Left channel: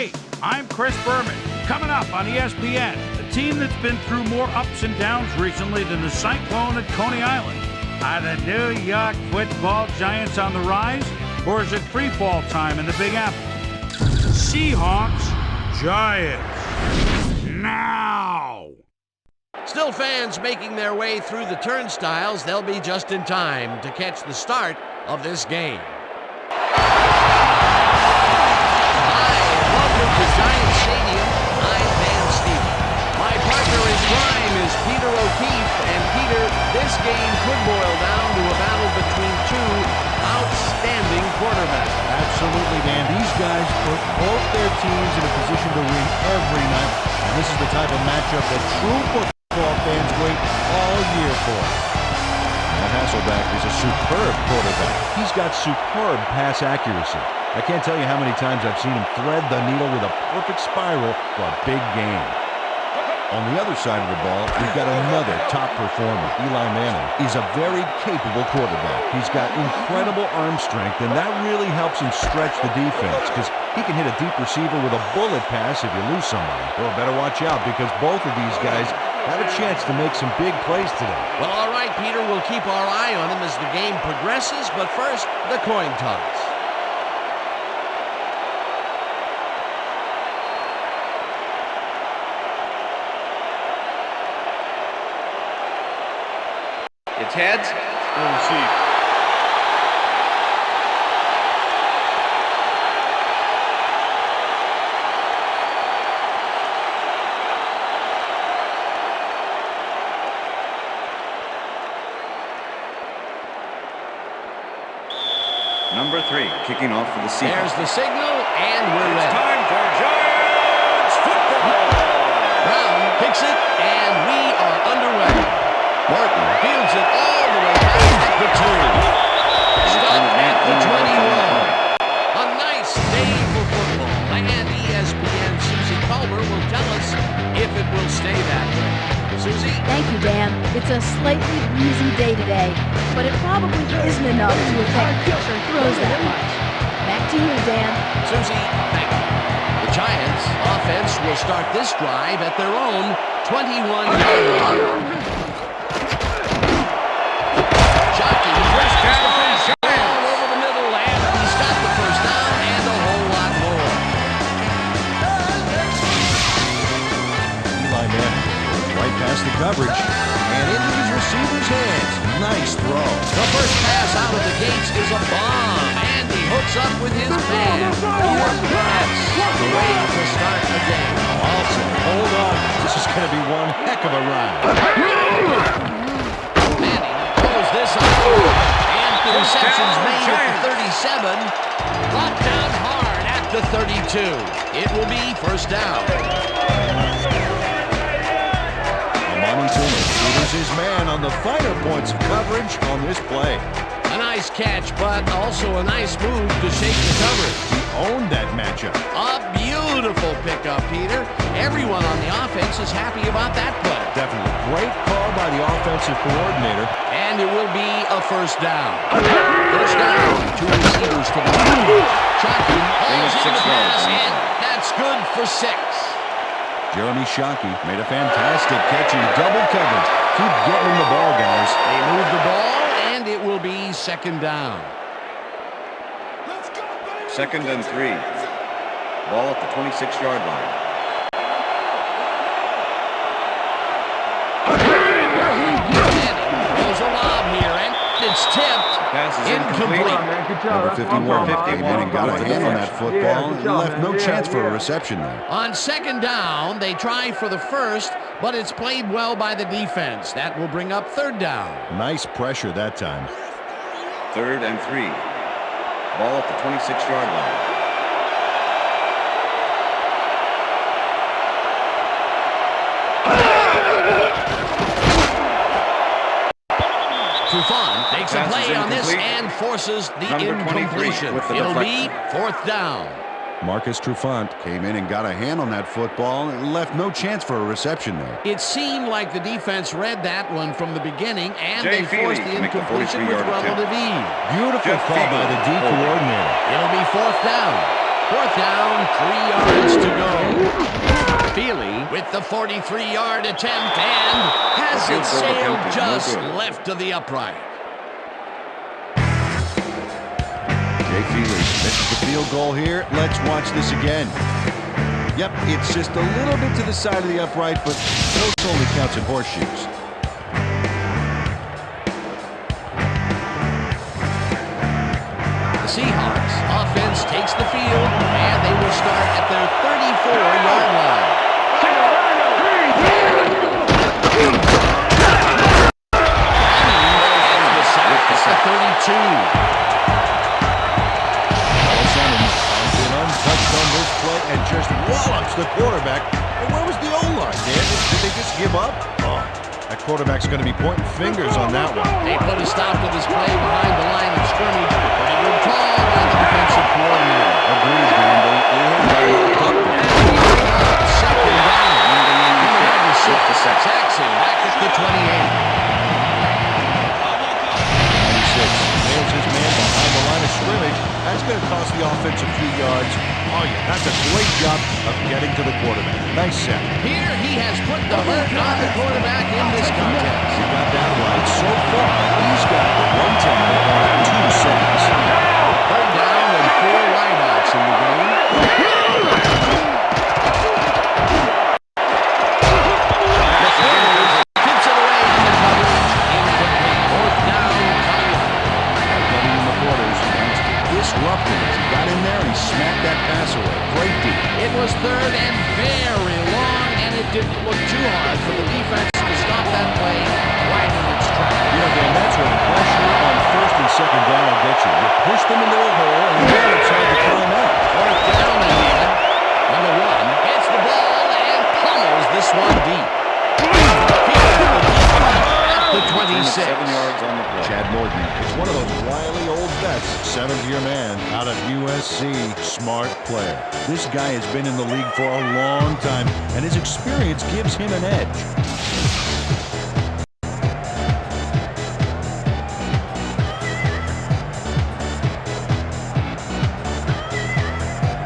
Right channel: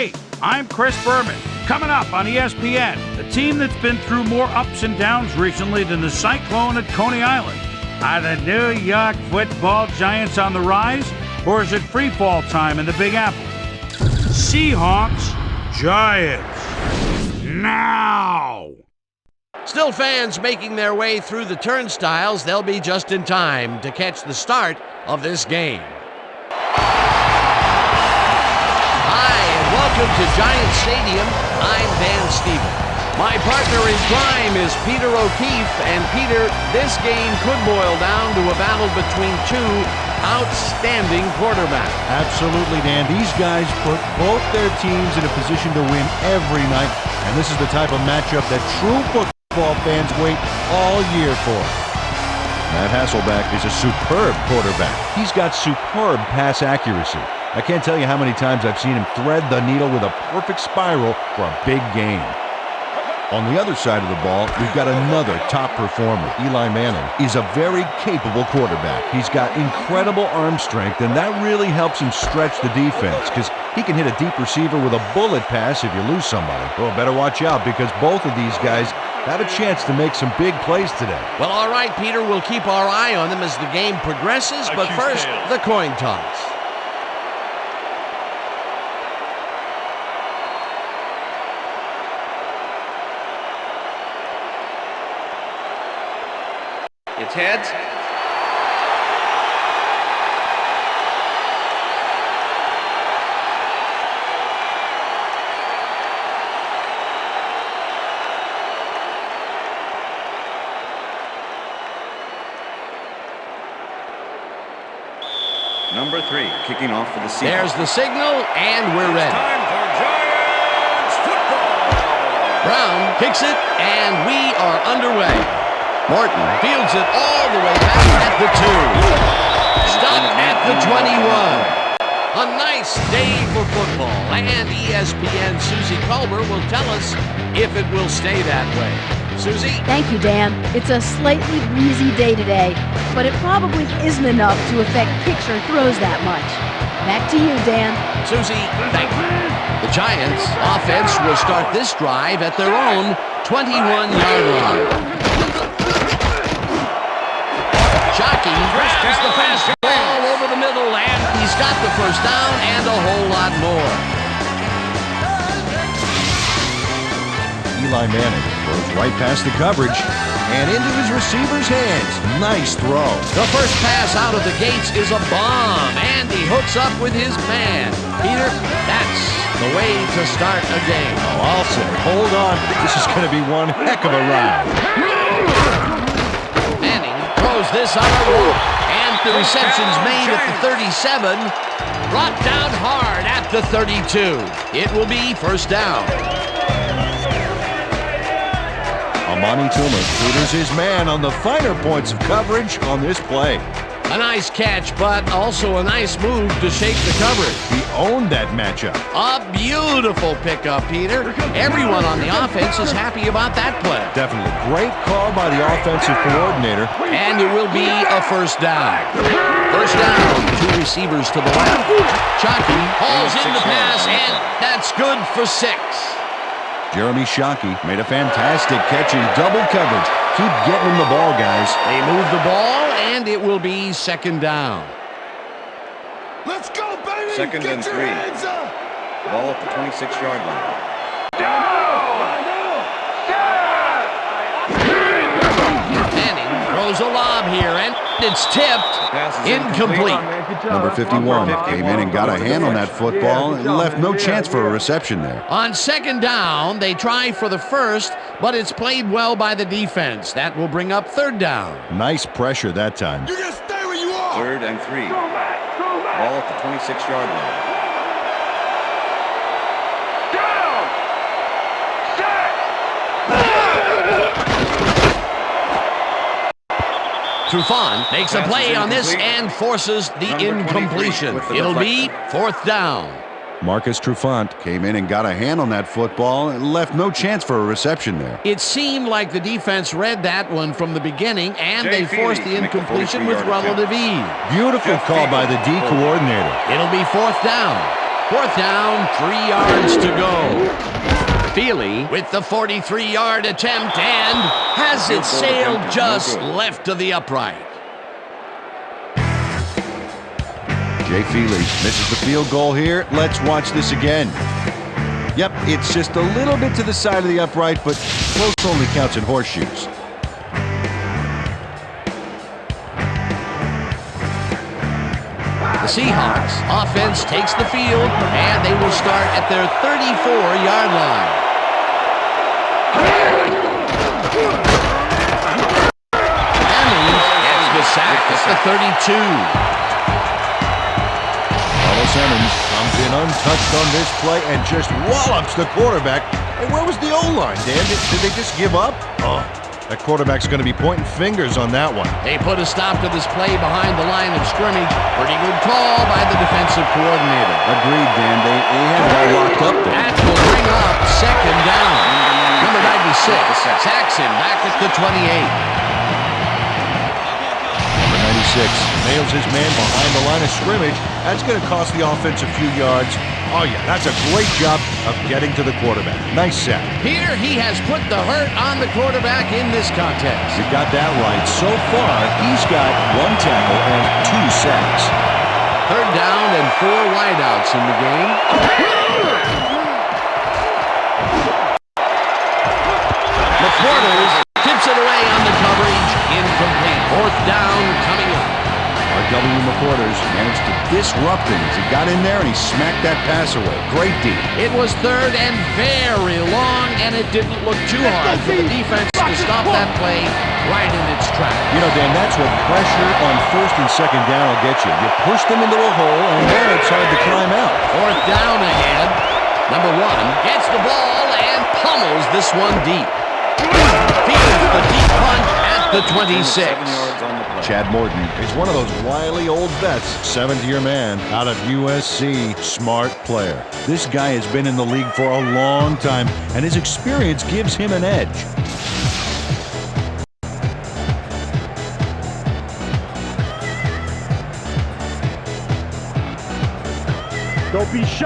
Hey, I'm Chris Berman. Coming up on ESPN, the team that's been through more ups and downs recently than the Cyclone at Coney Island. Are the New York Football Giants on the rise, or is it free fall time in the Big Apple? Seahawks, Giants, now! Still fans making their way through the turnstiles. They'll be just in time to catch the start of this game. Hi, and welcome to Giant Stadium. I'm Van Steven. My partner in crime is Peter O'Keefe. And Peter, this game could boil down to a battle between two outstanding quarterbacks. Absolutely, Dan. These guys put both their teams in a position to win every night. And this is the type of matchup that true football fans wait all year for. Matt Hasselbeck is a superb quarterback. He's got superb pass accuracy. I can't tell you how many times I've seen him thread the needle with a perfect spiral for a big game. On the other side of the ball, we've got another top performer. Eli Manning is a very capable quarterback. He's got incredible arm strength, and that really helps him stretch the defense because he can hit a deep receiver with a bullet pass if you lose somebody. Well, better watch out because both of these guys have a chance to make some big plays today. Well, all right, Peter, we'll keep our eye on them as the game progresses, but first, the coin toss. It's heads. Number 3, kicking off for the Seahawks. There's the signal, and we're ready. It's time for Giants football. Brown kicks it, and we are underway. Morton fields it all the way back at the 2. Stopped at the 21. A nice day for football, and ESPN Susie Culber will tell us if it will stay that way. Susie? Thank you, Dan. It's a slightly breezy day today, but it probably isn't enough to affect picture throws that much. Back to you, Dan. Susie, thank you. The Giants' offense will start this drive at their own 21-yard line. Shockey rushes the fastball over the middle, and he's got the first down and a whole lot more. Eli Manning goes right past the coverage and into his receiver's hands. Nice throw. The first pass out of the gates is a bomb, and he hooks up with his man. Peter, that's the way to start a game. Oh, I'll say, hold on. This is going to be one heck of a ride. Manning throws this on a rope, and the reception's made at the 37. Brought down hard at the 32. It will be first down. Amani Toomer tutors his man on the finer points of coverage on this play. A nice catch, but also a nice move to shake the coverage. He owned that matchup. A beautiful pickup, Peter. Everyone on the offense is happy about that play. Definitely. Great call by the offensive coordinator. And it will be a first down. First down, 2 receivers to the left. Shockey hauls in the pass, and that's good for 6. Jeremy Shockey made a fantastic catch in double coverage. Keep getting him the ball, guys. They move the ball, and it will be second down. Let's go, baby! Second and 3. Ball at the 26-yard line. Manning throws a lob here, and it's tipped. Pass is incomplete. Number 51 came in and got a hand on that football and left no chance for a reception there. On second down, they try for the first, but it's played well by the defense. That will bring up third down. Nice pressure that time. You just stay where you are. Third and 3. Ball at the 26-yard line. Trufant makes a play on this and forces the incompletion. It'll be fourth down. Marcus Trufant came in and got a hand on that football and left no chance for a reception there. It seemed like the defense read that one from the beginning, and they forced the incompletion with relative ease. Beautiful call by the D coordinator. It'll be fourth down. 4th down, 3 yards to go. Feely with the 43-yard attempt and has it sailed just left of the upright. Jay Feely misses the field goal here. Let's watch this again. Yep, it's just a little bit to the side of the upright, but close only counts in horseshoes. The Seahawks offense takes the field, and they will start at their 34-yard line. Simmons gets the sack at the 32. Paulo Simmons comes in untouched on this play and just wallops the quarterback. And where was the O-line, Dan? Did they just give up? Oh, that quarterback's going to be pointing fingers on that one. They put a stop to this play behind the line of scrimmage. Pretty good call by the defensive coordinator. Agreed, Dan. They had it all locked up there. That will bring up 2nd down. Number 96, Saxon back at the 28. Number 96 nails his man behind the line of scrimmage. That's going to cost the offense a few yards. Oh, yeah, that's a great job of getting to the quarterback. Nice sack. Here he has put the hurt on the quarterback in this contest. You got that right. So far, he's got 1 tackle and 2 sacks. 3rd down and 4 wideouts in the game. McDonald tips it away on the coverage. Incomplete. 4th down coming up. R.W. McQuarters managed to disrupt him as he got in there and he smacked that pass away. Great D. It was 3rd and very long, and it didn't look too hard for the defense to stop that play right in its tracks. You know, Dan, that's what pressure on 1st and 2nd down will get you. You push them into a hole, and then it's hard to climb out. 4th down ahead. Number 1 gets the ball and pummels this one deep. Fields the deep punt at the 26. 7 yards on the play. Chad Morton is one of those wily old vets, 7th-year man out of USC. Smart player. This guy has been in the league for a long time, and his experience gives him an edge.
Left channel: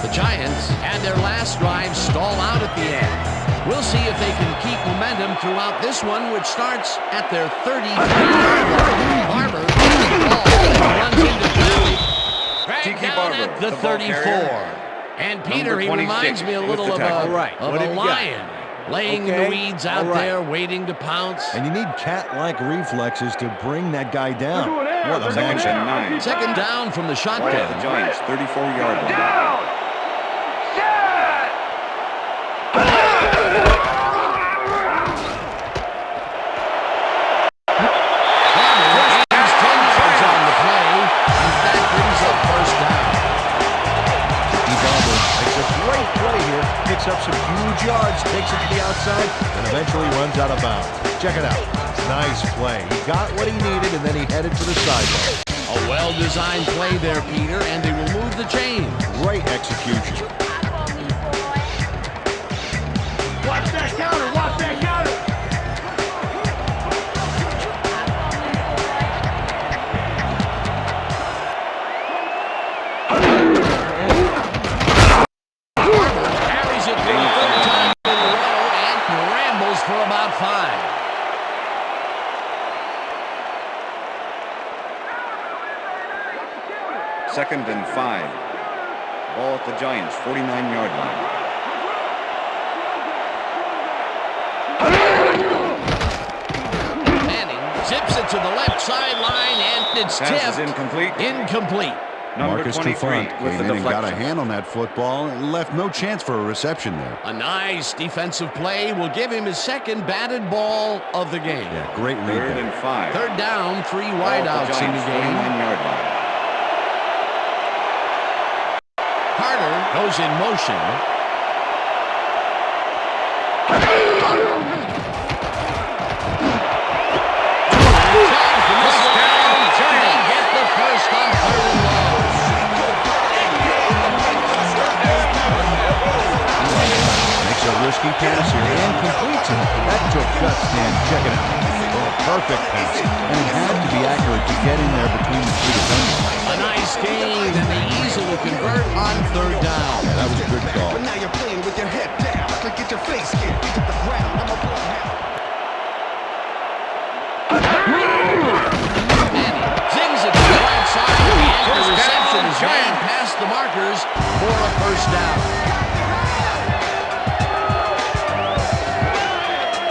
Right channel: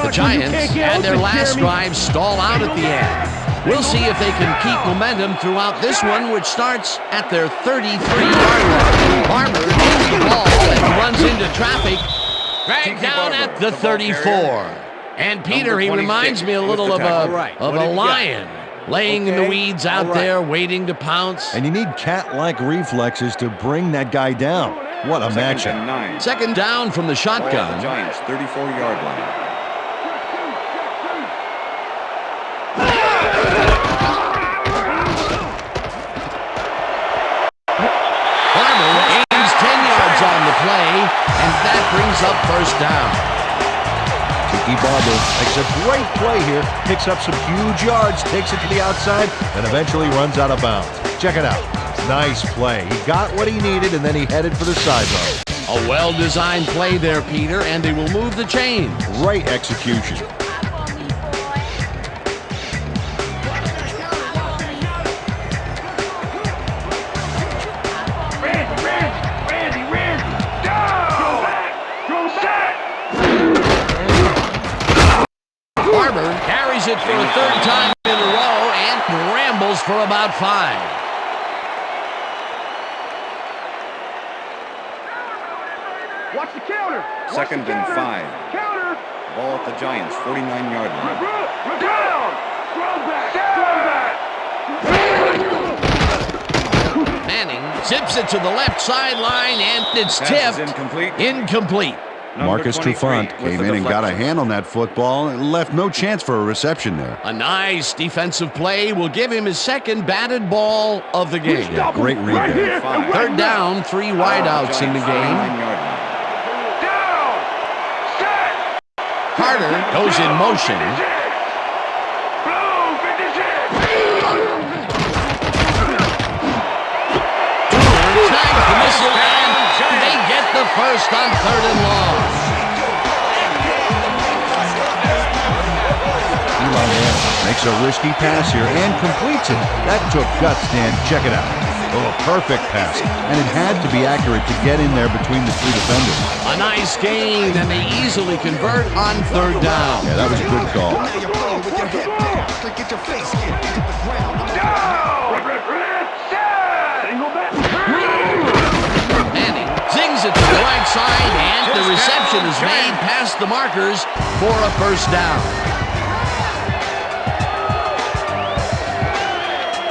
The Giants had their last drive stall out at the end. We'll see if they can keep momentum throughout this one, which starts at their 33-yard line. Barber gets the ball and runs into traffic. Dragged down at the 34. And Peter, he reminds me a little of a lion laying in the weeds out there waiting to pounce. And you need cat-like reflexes to bring that guy down. What a matchup. 2nd down from the shotgun. The Giants, 34-yard line. Farmer gains 10 yards on the play, and that brings up 1st down. Tiki Barber makes a great play here, picks up some huge yards, takes it to the outside, and eventually runs out of bounds. Check it out. Nice play. He got what he needed, and then he headed for the sideline. A well-designed play there, Peter, and they will move the chain. Great execution. Barber carries it for a 3rd time in a row and rambles for about 5. Watch the counter. 2nd and 5. Counter. Ball at the Giants, 49-yard line. Manning zips it to the left sideline, and it's Pass tipped. is incomplete. Incomplete. Marcus Trufant came in and got a hand on that football and left no chance for a reception there. A nice defensive play will give him his 2nd batted ball of the game. Yeah, great read there. 3rd down, 3 wideouts in the game. 49-yard line. Carter goes in motion. Tags the missile, and they get the 1st on 3rd and long. Eli Manning makes a risky pass here and completes it. That took guts, Dan. Check it out. Oh, perfect pass. And it had to be accurate to get in there between the two defenders. A nice gain, and they easily convert on third down. Yeah, that was a good call. Now you're playing with your head down. Get your face hit. Hit the ground. I'm Manning zings it to the right side, and the reception is made past the markers for a first down.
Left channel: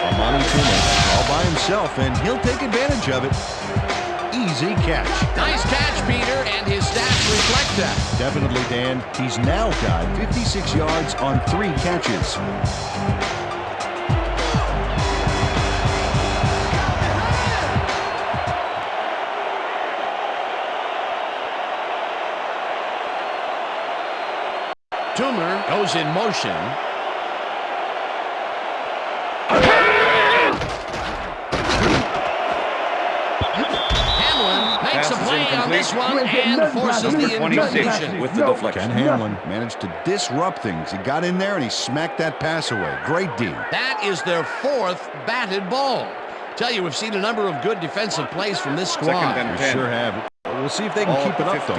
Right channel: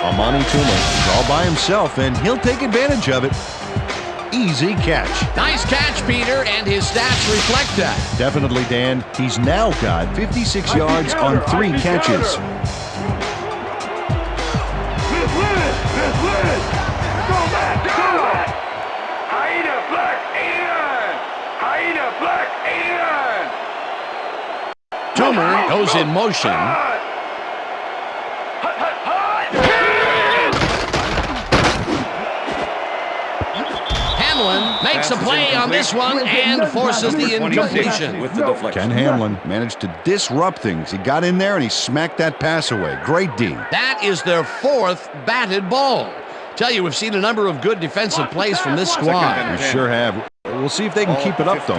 Amani Toomer is all by himself, and he'll take advantage of it. Easy catch. Nice catch, Peter, and his stats reflect that. Definitely, Dan. He's now got 56 yards on 3 catches. Toomer goes in motion. Hamlin makes a play on this one and forces the incompletion. With the deflection. Ken Hamlin managed to disrupt things. He got in there and he smacked that pass away. Great D. That is their 4th batted ball. Tell you, we've seen a number of good defensive plays from this squad. We sure have. We'll see if they can keep it up, though.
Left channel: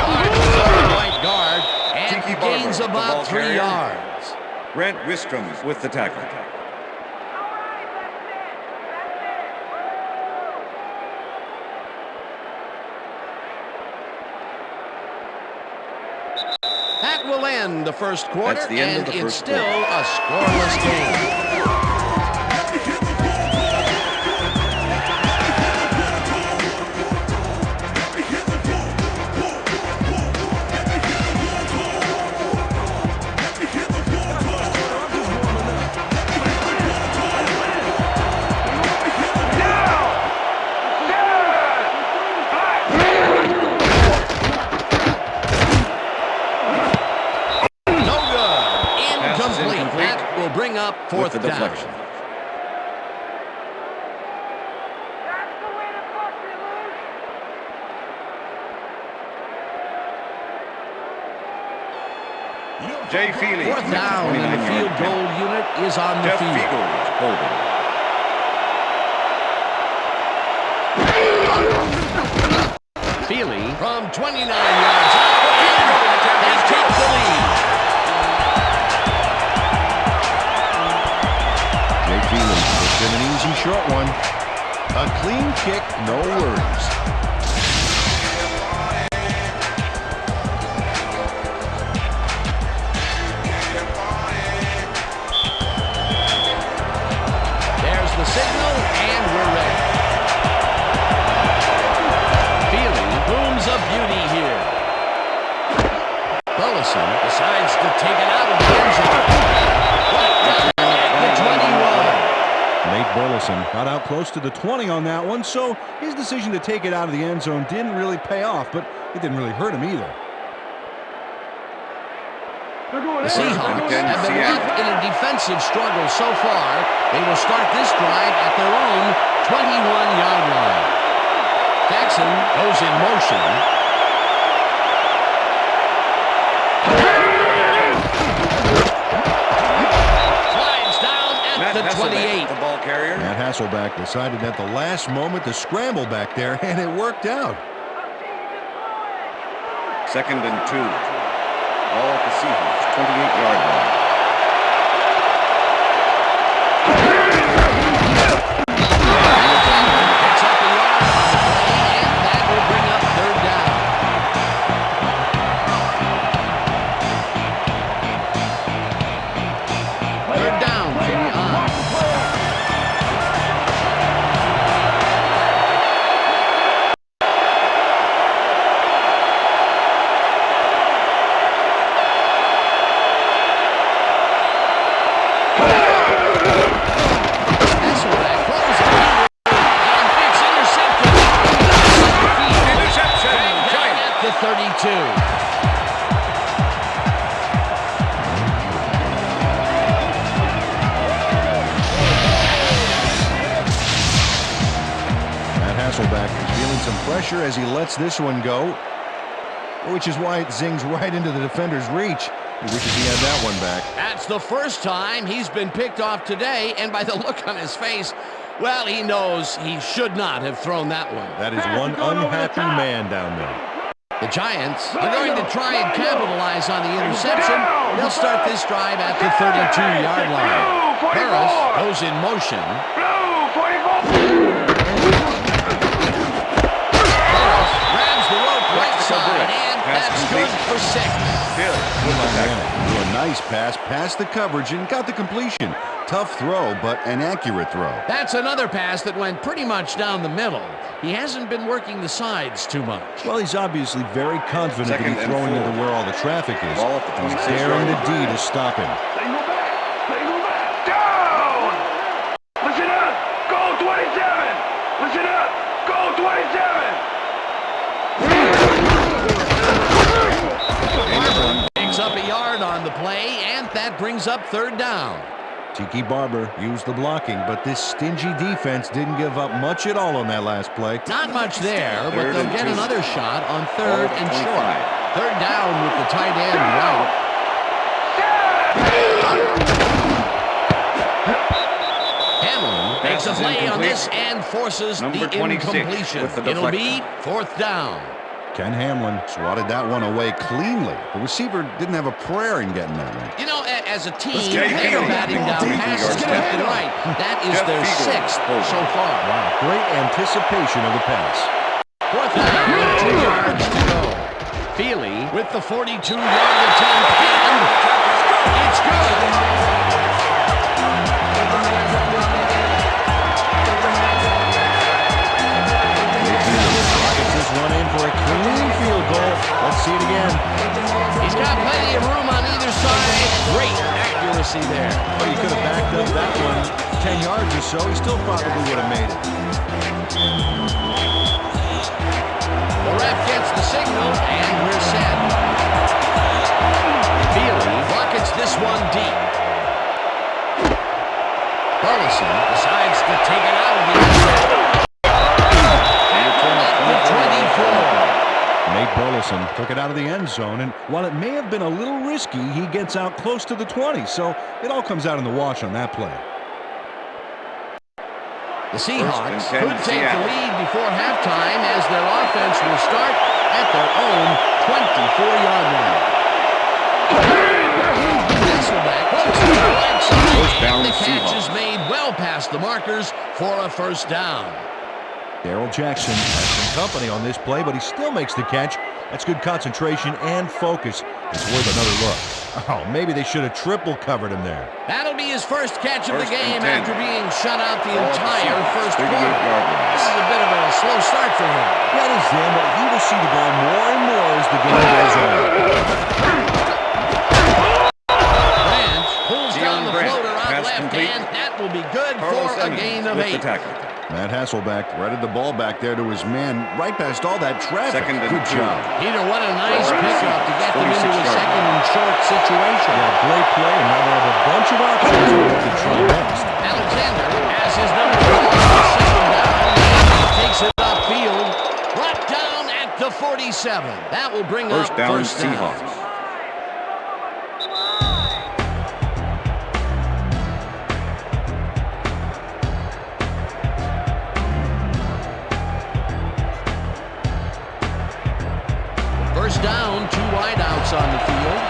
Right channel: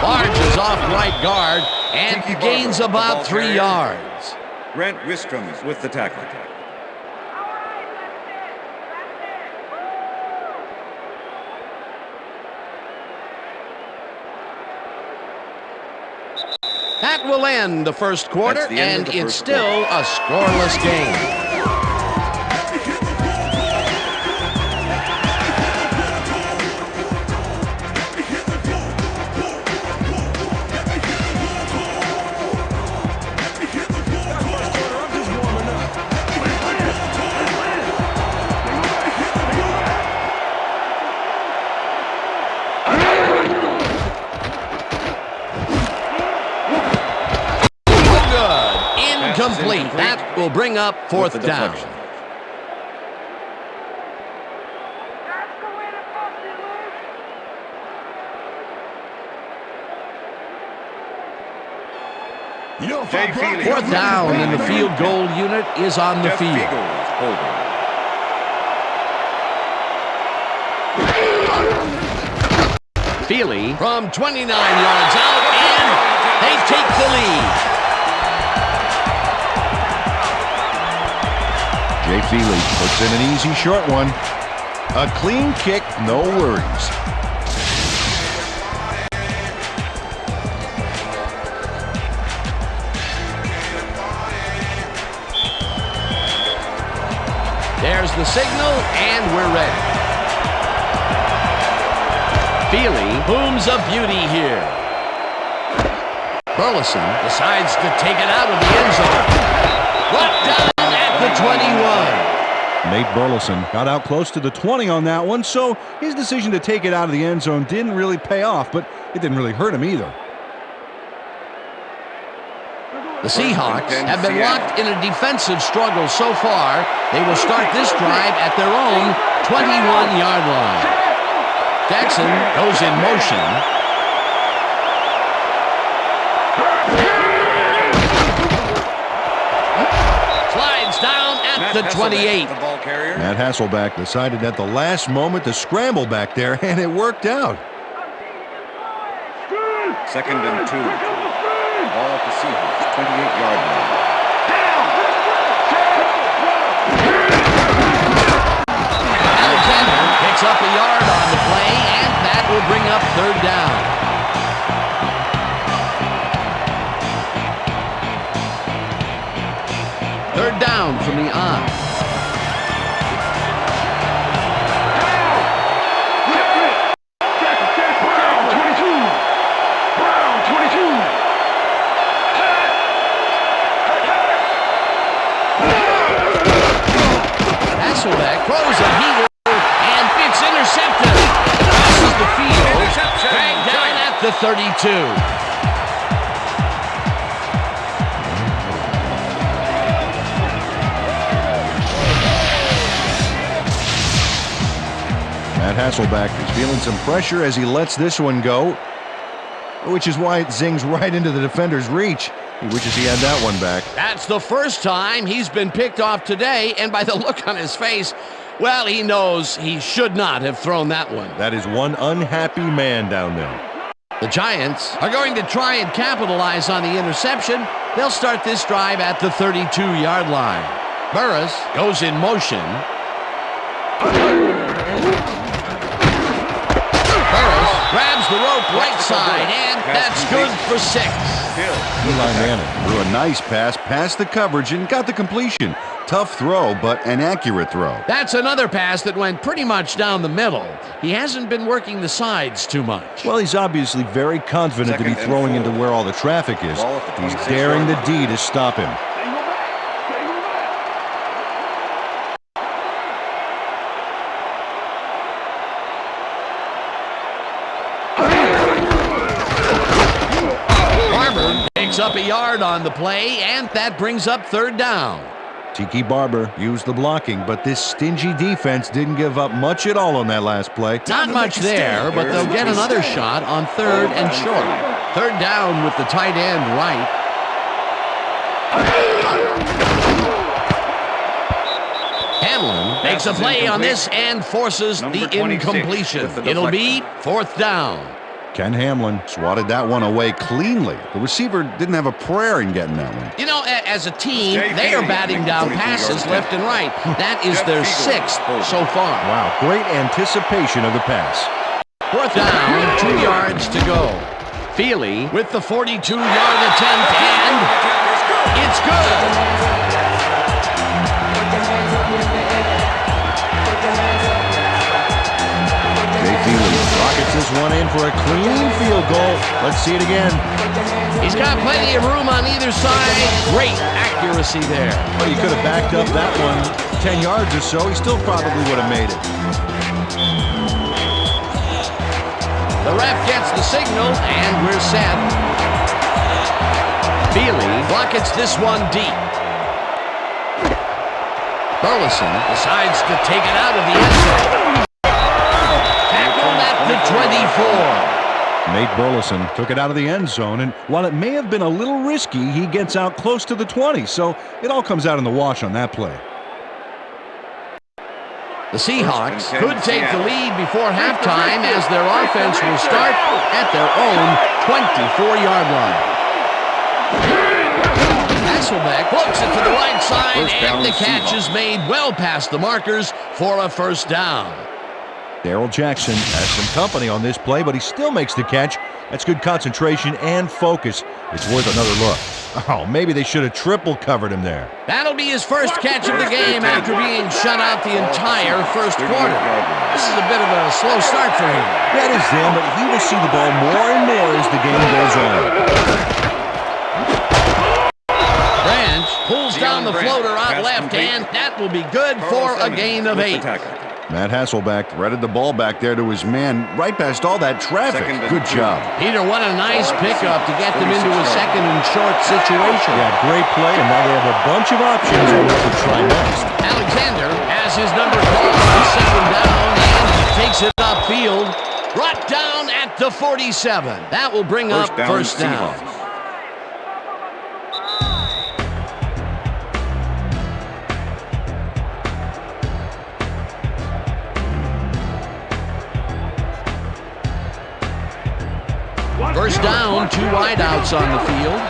Barges off right guard and gains about 3 yards. Grant Wistrom with the tackle. That will end the first quarter, and it's still a scoreless game. Incomplete. That will bring up 4th down. Jay Feely. 4th down, and the field goal unit is on the field. Holding. Feely from 29 yards out, and they take the lead. Jay Feely puts in an easy short one. A clean kick, no worries. There's the signal, and we're ready. Feely booms a beauty here. Burleson decides to take it out of the end zone. Brought down at the 21. Nate Burleson got out close to the 20 on that one, so his decision to take it out of the end zone didn't really pay off, but it didn't really hurt him either. The Seahawks have been locked in a defensive struggle so far. They will start this drive at their own 21-yard line. Jackson goes in motion. Slides down at the 28. The ball carrier. Matt Hasselbeck decided at the last moment to scramble back there, and it worked out. 2nd and 2. Ball at the Seahawks, 28-yard line. Alexander picks up a yard on the play, and that will bring up 3rd down. Third down from the on. Hasselbeck throws a heater, and it's intercepted. This is the field. Interception. Dragged down at the 32. Matt Hasselbeck is feeling some pressure as he lets this one go. which is why it zings right into the defender's reach. He wishes he had that one back. That's the first time he's been picked off today, and by the look on his face, well, he knows he should not have thrown that one. That is one unhappy man down there. The Giants are going to try and capitalize on the interception. They'll start this drive at the 32-yard line. Burris goes in motion. Burris grabs the rope right side, and that's good for 6. Eli Manning threw a nice pass past the coverage and got the completion. Tough throw, but an accurate throw. That's another pass that went pretty much down the middle. He hasn't been working the sides too much. Well, he's obviously very confident to be throwing into where all the traffic is. He's daring the D to stop him. Single back. Single back. Down. Listen up. Go 27. Listen up. Go 27. Barber picks up a yard on the play, and that brings up 3rd down. Tiki Barber used the blocking, but this stingy defense didn't give up much at all on that last play. Not much there, but they'll get another shot on 3rd and short. 3rd down with the tight end right. Hamlin makes a play on this and forces the incompletion. It'll be 4th down. Ken Hamlin swatted that one away cleanly. The receiver didn't have a prayer in getting that one. You know, as a team, they are batting down passes left and right. That is their 6th so far. Wow, great anticipation of the pass. 4th down, 2 yards to go. Feely with the 42-yard attempt, and it's good. Rockets this one in for a clean field goal. Let's see it again. He's got plenty of room on either side. Great accuracy there. Well, you could have backed up that one 10 yards or so. He still probably would have made it. The ref gets the signal, and we're set. Feely rockets this one deep. Burleson decides to take it out of the end zone. Tackled at the 24. Nate Burleson took it out of the end zone, and while it may have been a little risky, he gets out close to the 20, so it all comes out in the wash on that play. The Seahawks could take the lead before halftime as their offense will start at their own 24-yard line. Hasselbeck floats it to the right side, and the catch is made well past the markers for a 1st down. Darrell Jackson has some company on this play, but he still makes the catch. That's good concentration and focus. It's worth another look. Oh, maybe they should have triple covered him there. That'll be his first catch of the game after being shut out the entire first quarter. This is a bit of a slow start for him. Yeah, it is, Dan, but he will see the ball more and more as the game goes on. Branch pulls down the floater out left, and that will be good for a gain of 8. Matt Hasselbeck threaded the ball back there to his man right past all that traffic. Good job. Peter, what a nice pickup to get them into a 2nd and short situation. Yeah, great play, and now they have a bunch of options on what to try next. Alexander has his number called on 2nd down and takes it upfield. Brought down at the 47. That will bring up 1st down. First down, 2 wideouts on the field.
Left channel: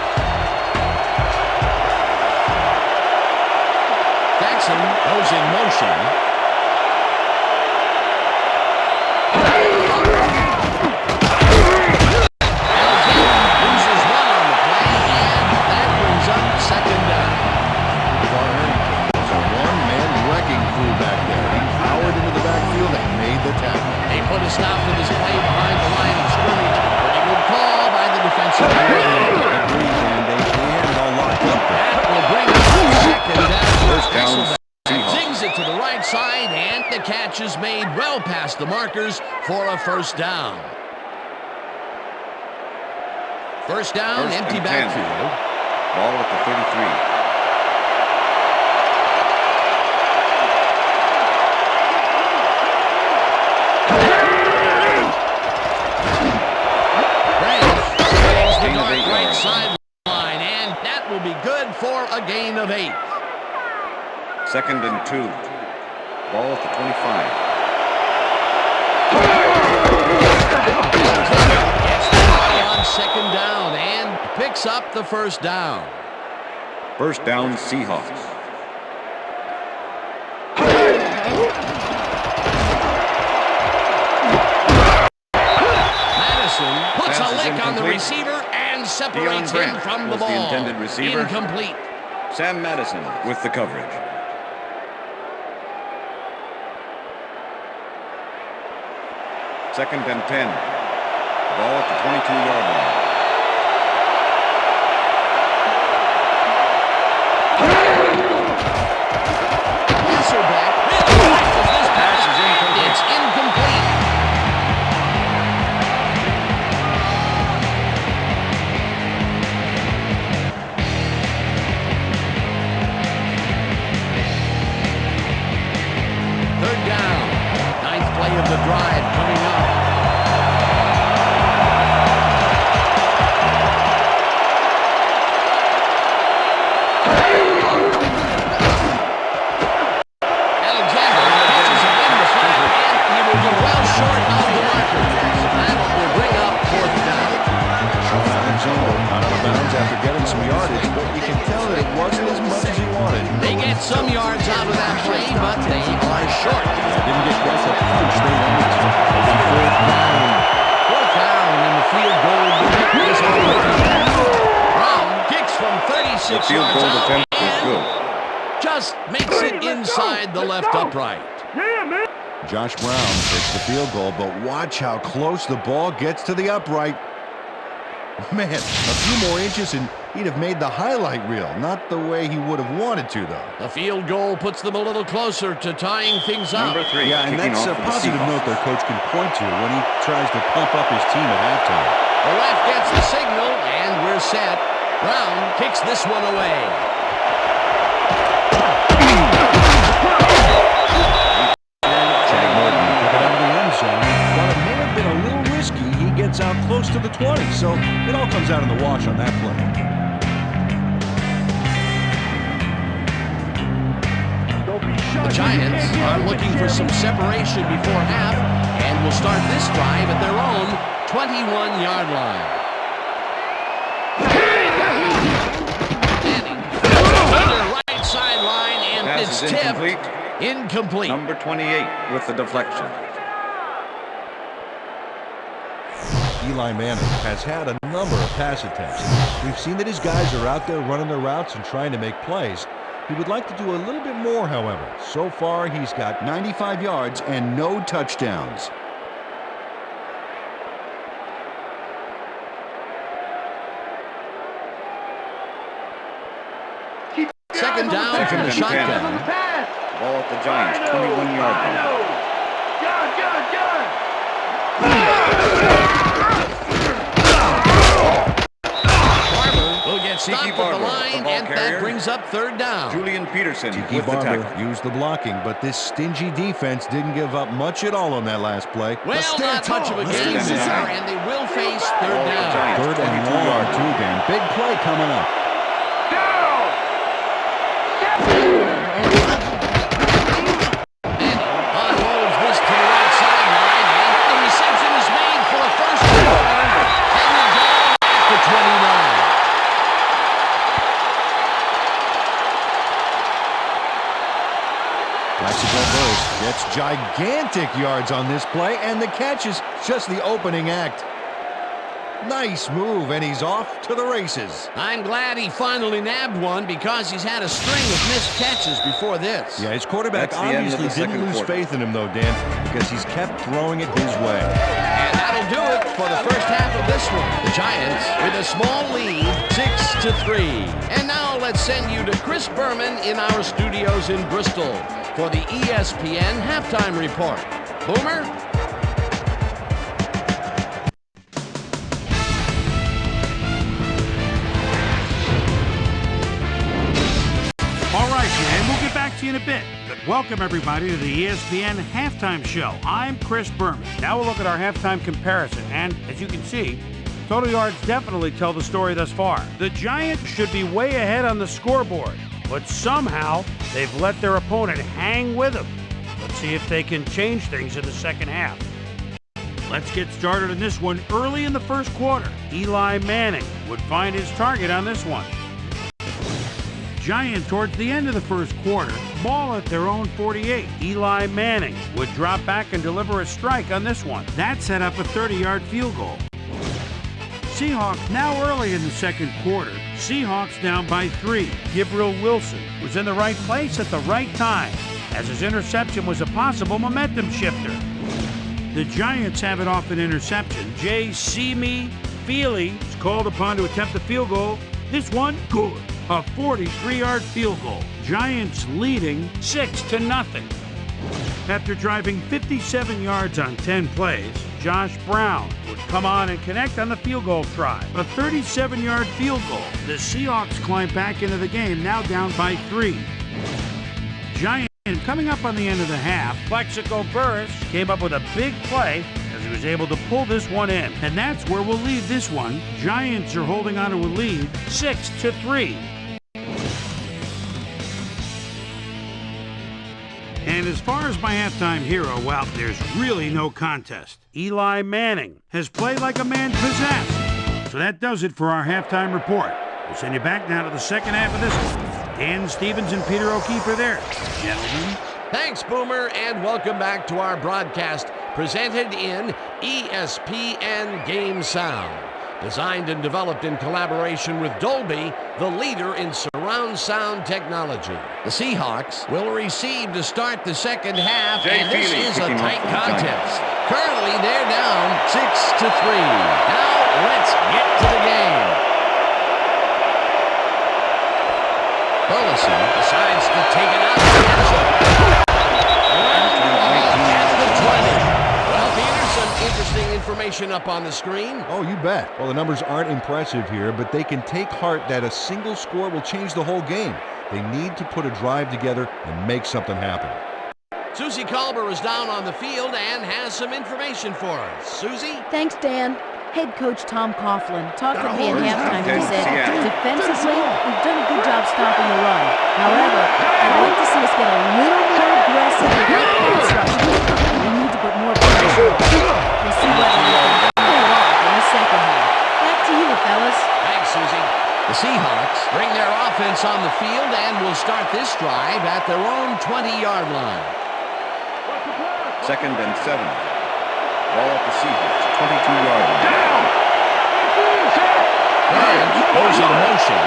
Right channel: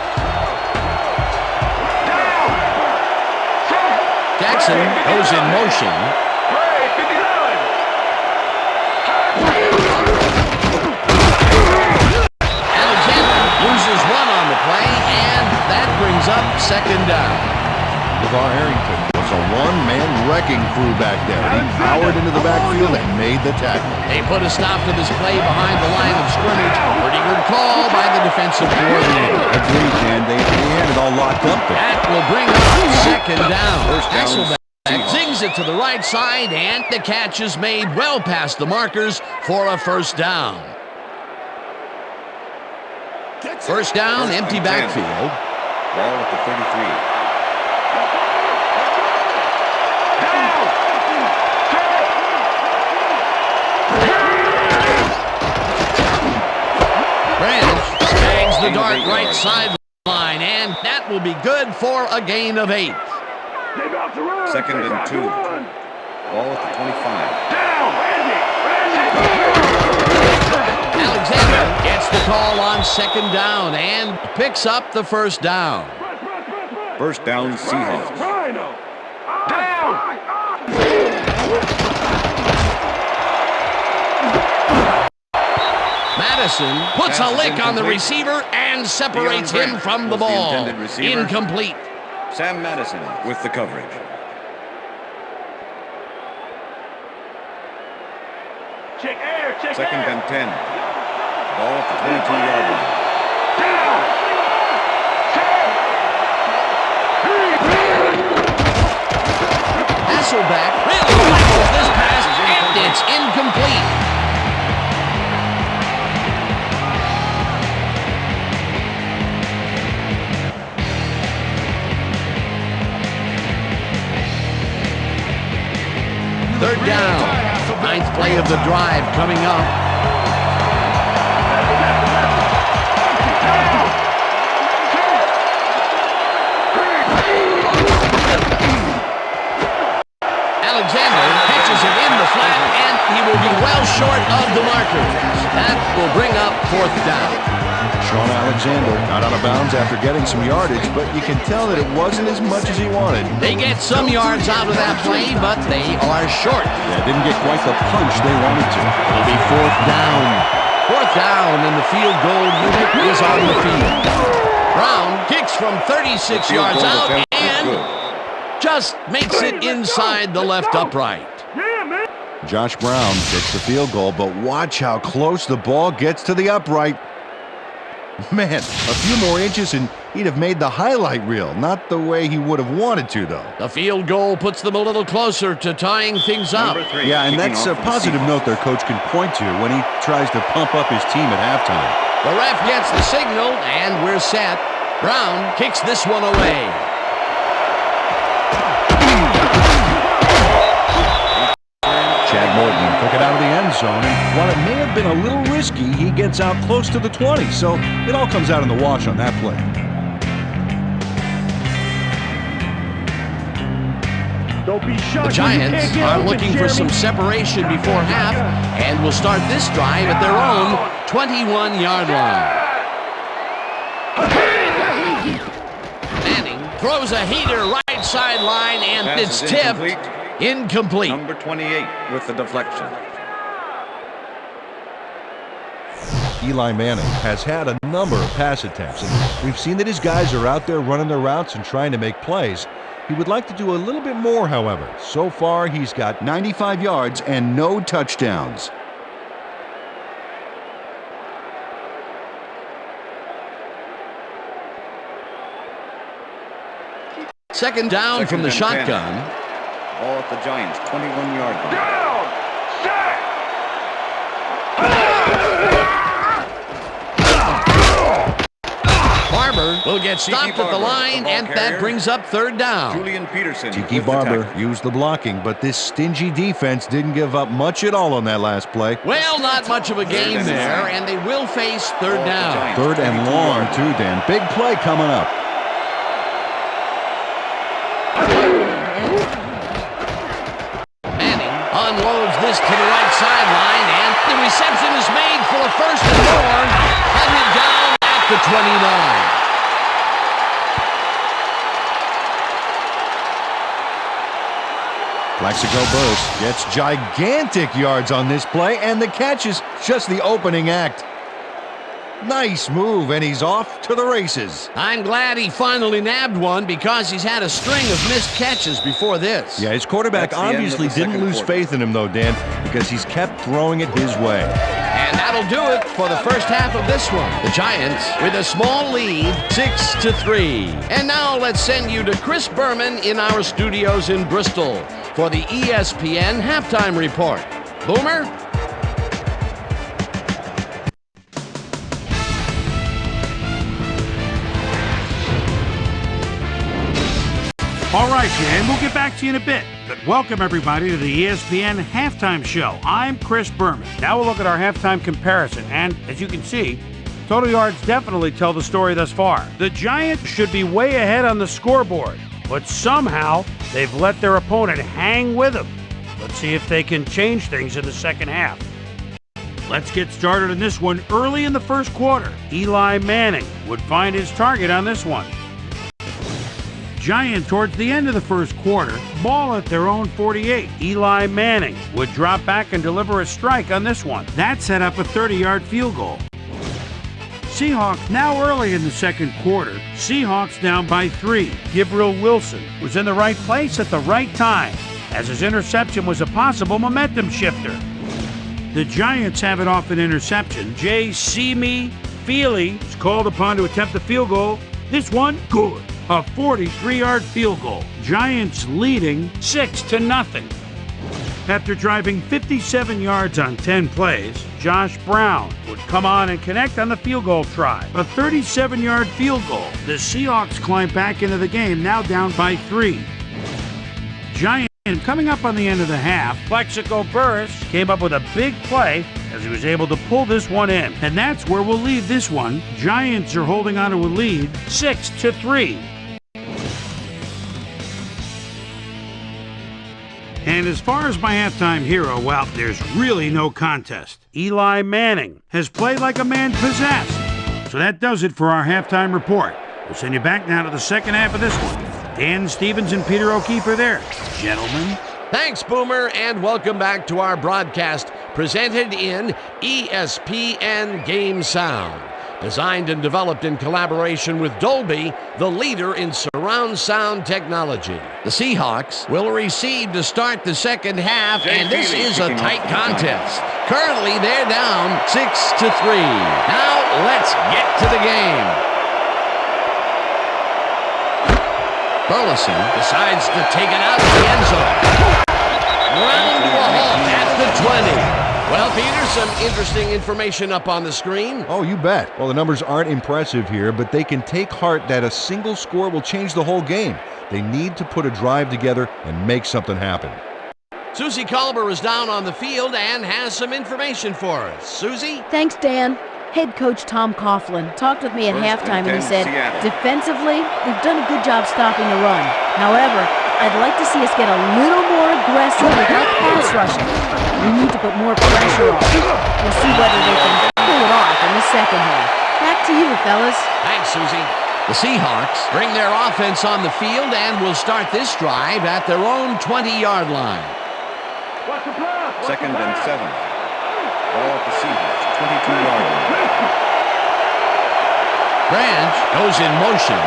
Jackson goes in motion. Alexander loses 1 on the play, and that brings up 2nd down. LeVar Arrington was a one-man wrecking crew back there. He powered into the backfield and made the tackle. They put a stop to this play behind the line of scrimmage. Pretty good call by the defensive coordinator. Agreed, Dan. They had it all locked up there. That will bring up 2nd down. First down, Hasselbeck zings it to the right side, and the catch is made well past the markers for a 1st down. First down, empty backfield. Ball at the 33. Branch the dart 8 right yards. sideline, and that will be good for a gain of 8. Second and 2. Ball at the 25. Alexander gets the call on second down and picks up the first down. First down, Seahawks. Madison puts Pass a is lick on the incomplete. receiver and separates Deion him Grant from the was the ball. intended receiver. Incomplete. Sam Madison with the coverage. Second and 10. Ball at the 22-yard line. Hasselback really rifles this pass, Pass is and incomplete. it's incomplete. Third down. Ninth play of the drive coming up. Alexander pitches it in the flat, and he will be well short of the markers. That will bring up fourth down. Sean Alexander got out of bounds after getting some yardage, but you can tell that it wasn't as much as he wanted. They get some yards out of that play, but they are short. Yeah, didn't get quite the punch they wanted to. It'll be fourth down. Fourth down, and the field goal unit is on the field. Brown kicks from 36 The field yards goal out attempt is and good. just makes it inside the left upright. Josh Brown gets the field goal, but watch how close the ball gets to the upright. Man, a few more inches and he'd have made the highlight reel. Not the way he would have wanted to, though. The field goal puts them a little closer to tying things up. Number 3. Yeah, and kicking that's off a for the positive Seahawks. note their coach can point to when he tries to pump up his team at halftime. The ref gets the signal, and we're set. Brown kicks this one away. Chad Morton took it out of the end zone, and while it may have been a little risky, he gets out close to the 20, so it all comes out in the wash on that play. The Giants are looking for some separation before half and will start this drive at their own 21-yard line. Manning throws a heater right sideline, and Pass it's is tipped. incomplete. Incomplete. Number 28 with the deflection. Eli Manning has had a number of pass attempts, and we've seen that his guys are out there running their routes and trying to make plays. He would like to do a little bit more, however. So far, he's got 95 yards and no touchdowns. Second down from the Second and 10. shotgun. Ball at the Giants' 21-yard line. Barber will get stopped at the Barber, line, the ball and that carrier. brings up third down. Julian Peterson Tiki with the Barber tackle. used the blocking, but this stingy defense didn't give up much at all on that last play. Well, not much of a game Let's stand there, tall. and they will face third Ball at the down. Giants' Third and 22 long, yard too, Dan. Big play coming up. Manning unloads this to the right sideline, and the reception is made for a first and more, headed down at the 29. Plaxico Burst gets gigantic yards on this play, and the catch is just the opening act. Nice move, and he's off to the races. I'm glad he finally nabbed one because he's had a string of missed catches before this. Yeah, his quarterback That's the end of obviously the didn't second lose quarter. faith in him, though, Dan, because he's kept throwing it his way. And that'll do it for the first half of this one. The Giants with a small lead, 6-3. And now let's send you to Chris Berman in our studios in Bristol for the ESPN halftime report. Boomer? All right, and we'll get back to you in a bit. But welcome, everybody, to the ESPN Halftime Show. I'm Chris Berman. Now we'll look at our halftime comparison. And as you can see, Total yards definitely tell the story thus far. The Giants should be way ahead on the scoreboard, but somehow they've let their opponent hang with them. Let's see if they can change things in the second half. Let's get started in this one early in the first quarter. Eli Manning would find his target on this one. Giants towards the end of the first quarter, ball at their own 48. Eli Manning would drop back and deliver a strike on this one. That set up a 30-yard field goal. Seahawks now early in the second quarter. Seahawks down by 3. Gabriel Wilson was in the right place at the right time, as his interception was a possible momentum shifter. The Giants have it off an interception. Jay Simi Feely is called upon to attempt the field goal. This one, good. A 43-yard field goal. Giants leading 6-0. After driving 57 yards on 10 plays, Josh Brown would come on and connect on the field goal try. A 37-yard field goal. The Seahawks climb back into the game, now down by 3. Giants coming up on the end of the half, Plexico Burris came up with a big play as he was able to pull this one in. And that's where we'll leave this one. Giants are holding on to a lead, 6-3. And as far as my halftime hero, well, there's really no contest. Eli Manning has played like a man possessed. So that does it for our halftime report. We'll send you back now to the second half of this one. Dan Stevens and Peter O'Keefe are there. Gentlemen. Thanks, Boomer, and welcome back to our broadcast presented in ESPN Game Sound. Designed and developed in collaboration with Dolby, the leader in surround sound technology. The Seahawks will receive to start the second half, and this is a tight contest. Currently, they're down 6-3. Now, let's get to the game. Burleson decides to take it out of the end zone. Round to a halt at the 20. Well, Peter, some interesting information up on the screen. Oh, you bet. Well, the numbers aren't impressive here, but they can take heart that a single score will change the whole game. They need to put a drive together and make something happen. Susie Colber is down on the field and has some information for us. Susie? Thanks, Dan. Head coach Tom Coughlin talked with me at halftime and he said, defensively, we've done a good job stopping the run. However, I'd like to see us get a little more aggressive with our pass rushing. We need to put more pressure on. We'll see whether they can pull it off in the second half. Back to you, fellas. Thanks, Susie. The Seahawks bring their offense on the field and will start this drive at their own 20-yard line. Second and 7. Ball at the Seahawks, 22-yard line. Branch goes in motion.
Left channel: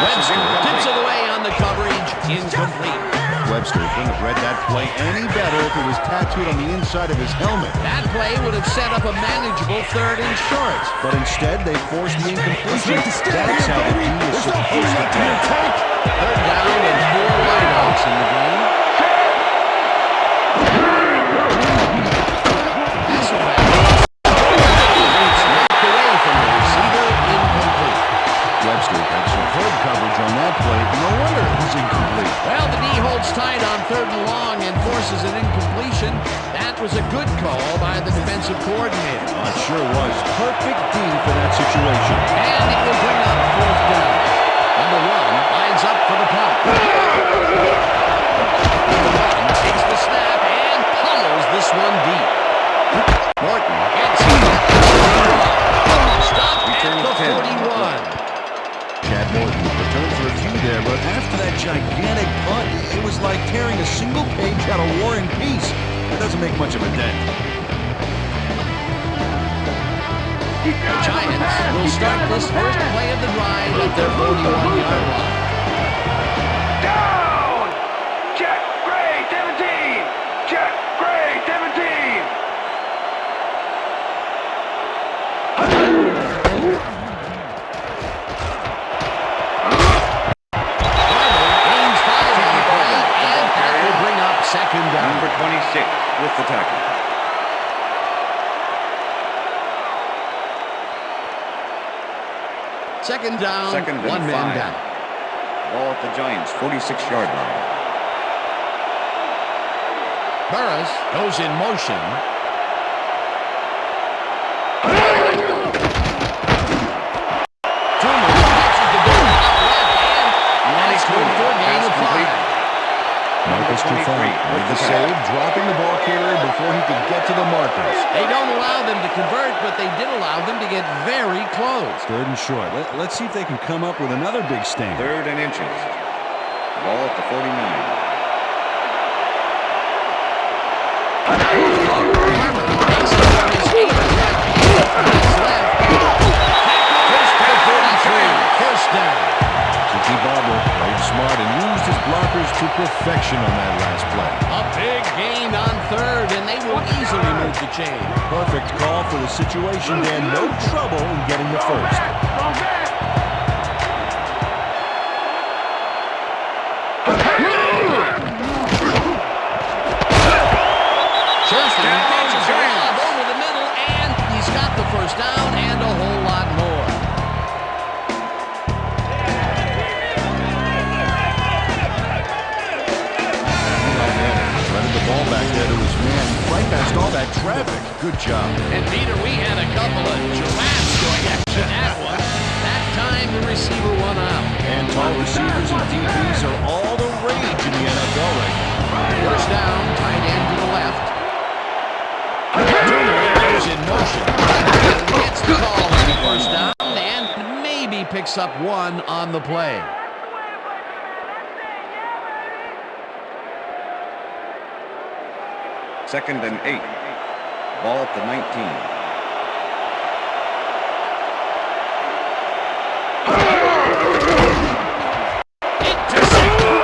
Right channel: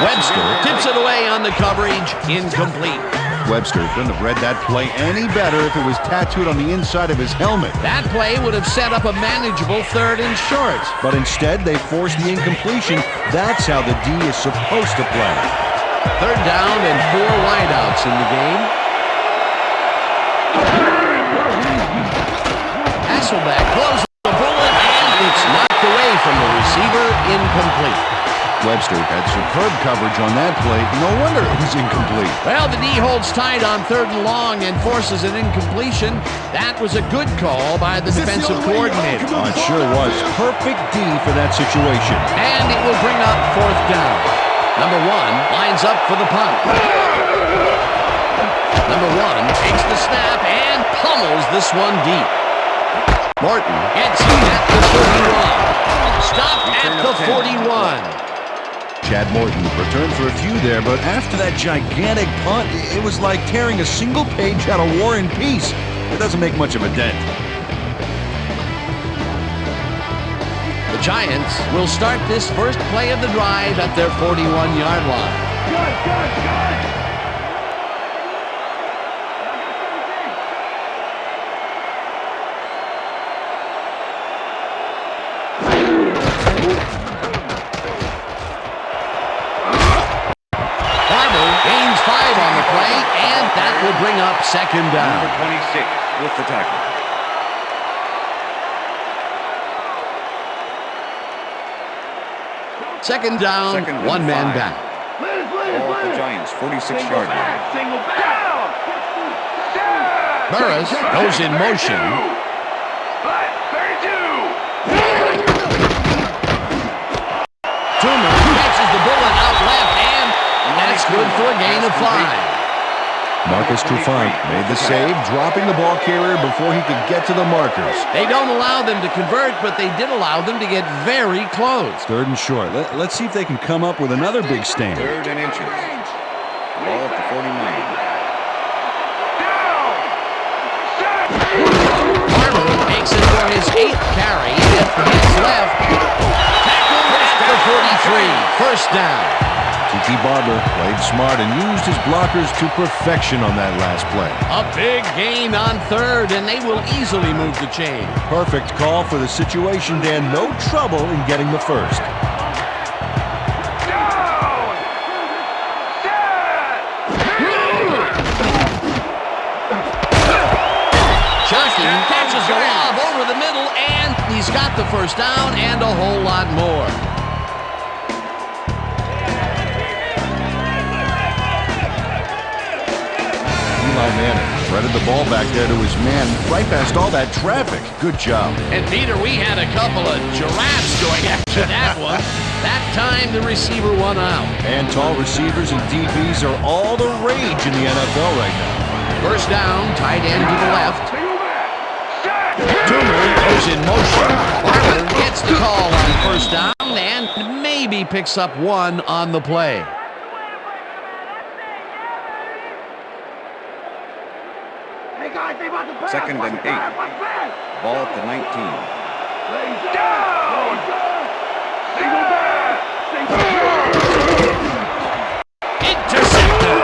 Webster tips it away on the coverage, incomplete. Webster couldn't have read that play any better if it was tattooed on the inside of his helmet. That play would have set up a manageable 3rd and short. But instead, they forced the incompletion. That's how the D is supposed to play. 3rd down and 4 wideouts in the game. Hasselbeck goes the ball, and it's knocked away from the receiver, incomplete. Webster had superb coverage on that play. No wonder it was incomplete. Well, the D holds tight on 3rd and long and forces an incompletion. That was a good call by the defensive coordinator. Oh, it sure was. Perfect D for that situation. And it will bring up 4th down. Number 1 lines up for the punt. Number 1 takes the snap and pummels this one deep. Martin gets it at the 31. Stop at the 41. Chad Morton returned for a few there, but after that gigantic punt, it was like tearing a single page out of War and Peace. It doesn't make much of a dent. The Giants will start this first play of the drive at their 41-yard line. Check, Gray, 17. Check, Gray, 17. Barber gains 5 on the play, and that will bring up 2nd down. Number 26 with the tackle. Second down, Second and 1 man 5. down. Ball at the Giants, 46-yard line. Burris goes in motion. Toomer catches the bullet out left, and that's good for a gain of 5. Marcus Trufant made the save, dropping the ball carrier before he could get to the markers. They don't allow them to convert, but they did allow them to get very close. 3rd and short. Let's see if they can come up with another big stand. 3rd and inches. Ball at the 49. Farmer makes it for his 8th carry. Hands left. Tackle at the 43. First down. Tiki Barber played smart and used his blockers to perfection on that last play. A big gain on 3rd, and they will easily move the chain. Perfect call for the situation, Dan. No trouble in getting the first. Shersten catches a lob over the middle, and he's got the first down and a whole lot more. Threaded the ball back there to his man, right past all that traffic. Good job. And Peter, we had a couple of giraffes going after that one. That time the receiver won out. And tall receivers and DBs are all the rage in the NFL right now. First down, tight end to the left. Toomer goes in motion. Barber gets the call on the first down and maybe picks up 1 on the play. 2nd and 8. Ball at the 19. Intercepted.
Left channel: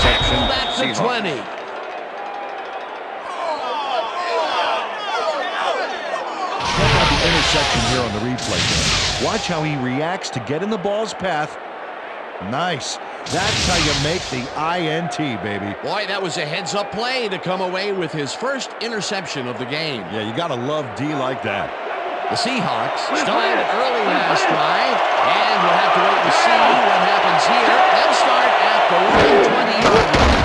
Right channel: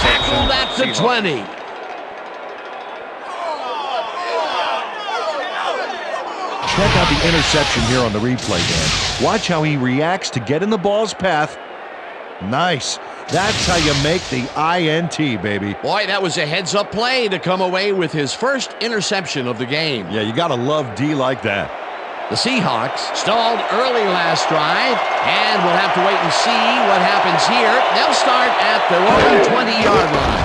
Tackled at the 20. Check out the interception here on the replay, Dan. Watch how he reacts to get in the ball's path. Nice. That's how you make the INT, baby. Boy, that was a heads-up play to come away with his first interception of the game. Yeah, you gotta love D like that. The Seahawks stalled early last drive, and we'll have to wait and see what happens here. They'll start at their own 20-yard line.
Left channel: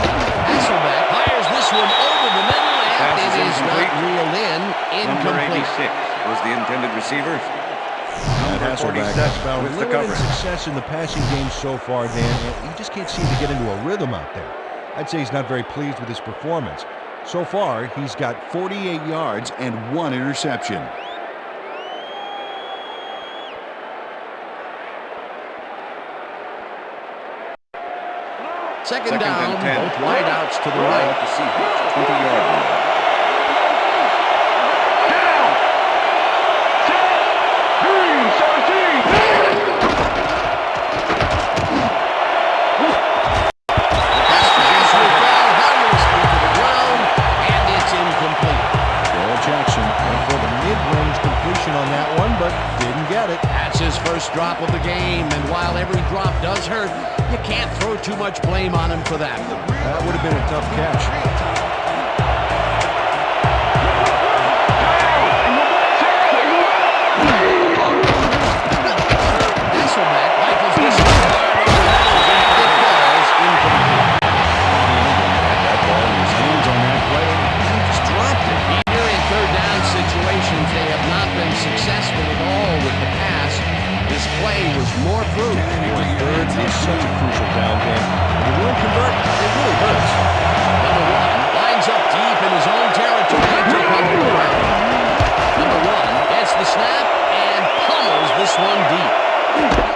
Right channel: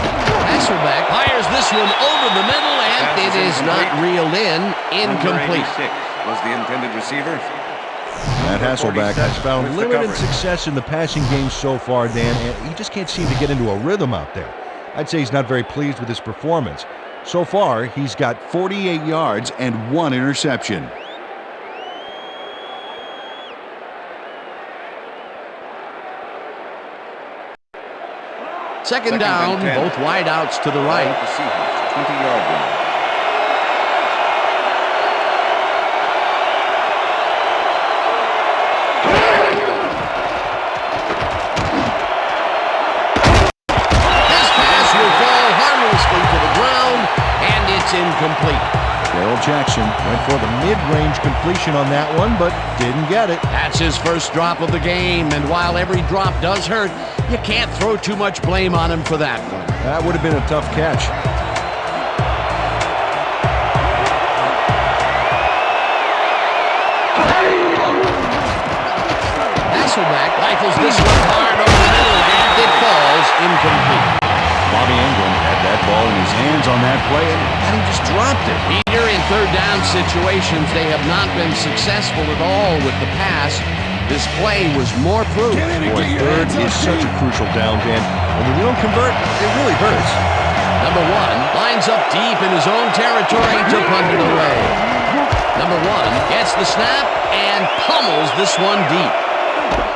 Hasselbeck fires this one over the middle, and it is not reeled in. Incomplete. Number 86 was the intended receiver. Matt Hasselbeck has found limited success in the passing game so far, Dan, and he just can't seem to get into a rhythm out there. I'd say he's not very pleased with his performance. So far, he's got 48 yards and 1 interception. Second down, both wideouts to the right. The Seahawks, 20-yard line. Incomplete. Darrell Jackson went for the mid-range completion on that one, but didn't get it. That's his first drop of the game, and while every drop does hurt, you can't throw too much blame on him for that one. That would have been a tough catch. Hasselbeck rifles this one hard over the middle, and it falls incomplete. Bobby Ingram had that ball in his hands on that play, and he just dropped it. Peter, in third down situations, they have not been successful at all with the pass. This play was more proof. Boy, third is such a crucial down, Dan. And when you don't convert, it really hurts. Number 1 lines up deep in his own territory to punt it away. Number 1 gets the snap and pummels this one deep.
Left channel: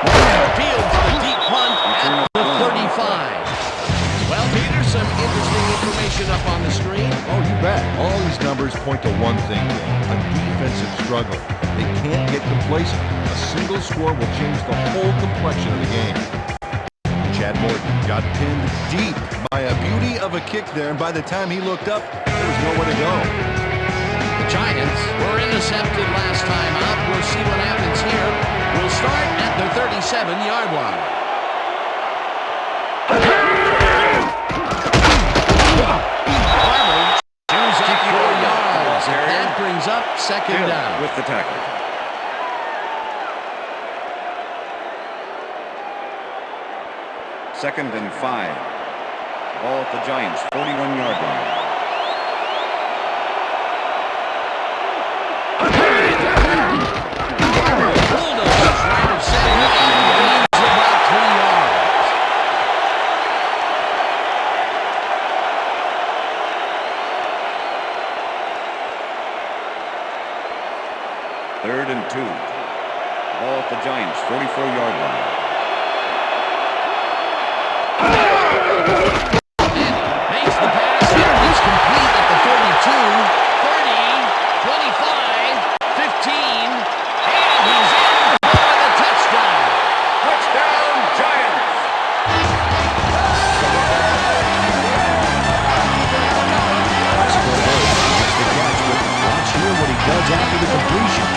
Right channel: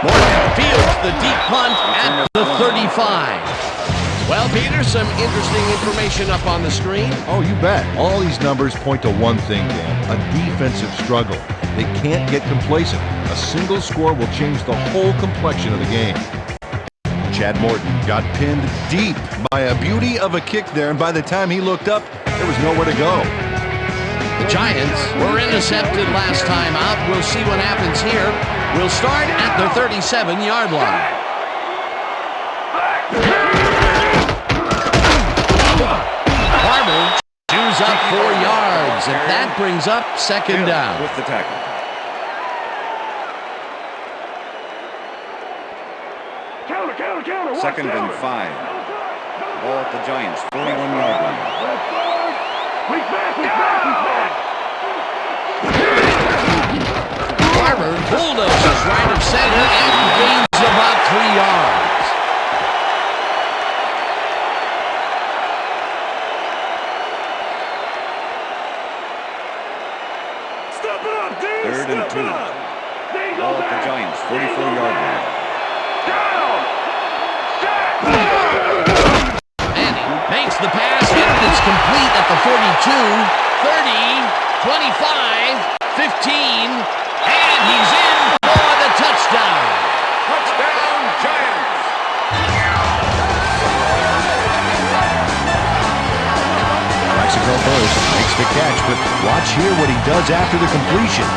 Morgan fields the deep punt at the 35. Well, Peter, some interesting information up on the screen. Oh, you bet. All these numbers point to one thing, Dan, a defensive struggle. They can't get complacent. A single score will change the whole complexion of the game. Chad Morton got pinned deep by a beauty of a kick there, and by the time he looked up, there was nowhere to go. The Giants were intercepted last time out. We'll see what happens here. We'll start at their 37-yard line. Barber chews up 4 yards, and that brings up second down. With the tackle. Counter. 2nd and 5. Ball at the Giants' 41-yard line. Barber bulldozes right of center and gains about 3 yards. Third and 2. Ball at the Giants' 44-yard line. Manning makes the pass, and it's complete at the 42, 30, 25, 15, and he's in for the touchdown. Touchdown, Giants! Mexico burst, makes the catch, but watch here what he does after the completion.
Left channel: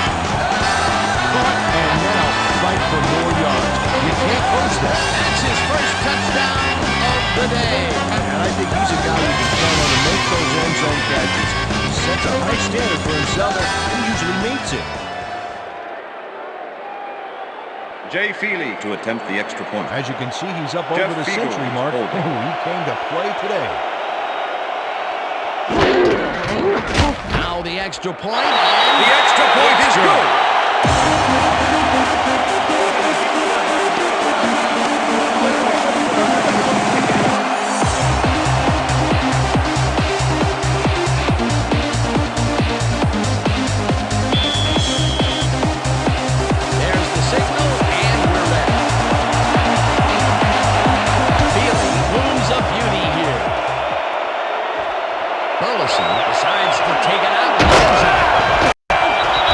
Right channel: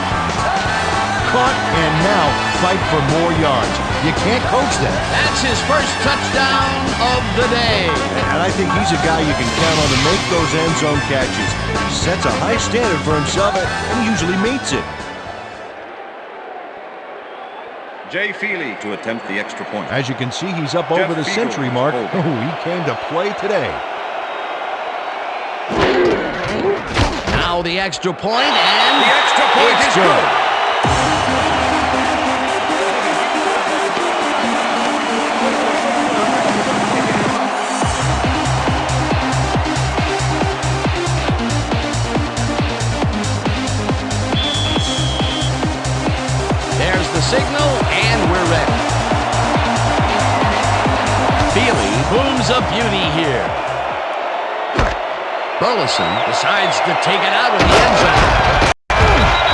Caught and now fight for more yards. You can't coach that. That's his first touchdown of the day. And I think he's a guy you can count on to make those end zone catches. He sets a high standard for himself and he usually meets it. Jay Feely to attempt the extra point. As you can see, he's up Jeff over the Fiegel century is mark. holding. Oh, he came to play today. Now the extra point, and The extra point is good. there's the signal, and we're ready. Feely booms a beauty here. Burleson decides to take it out of the end zone.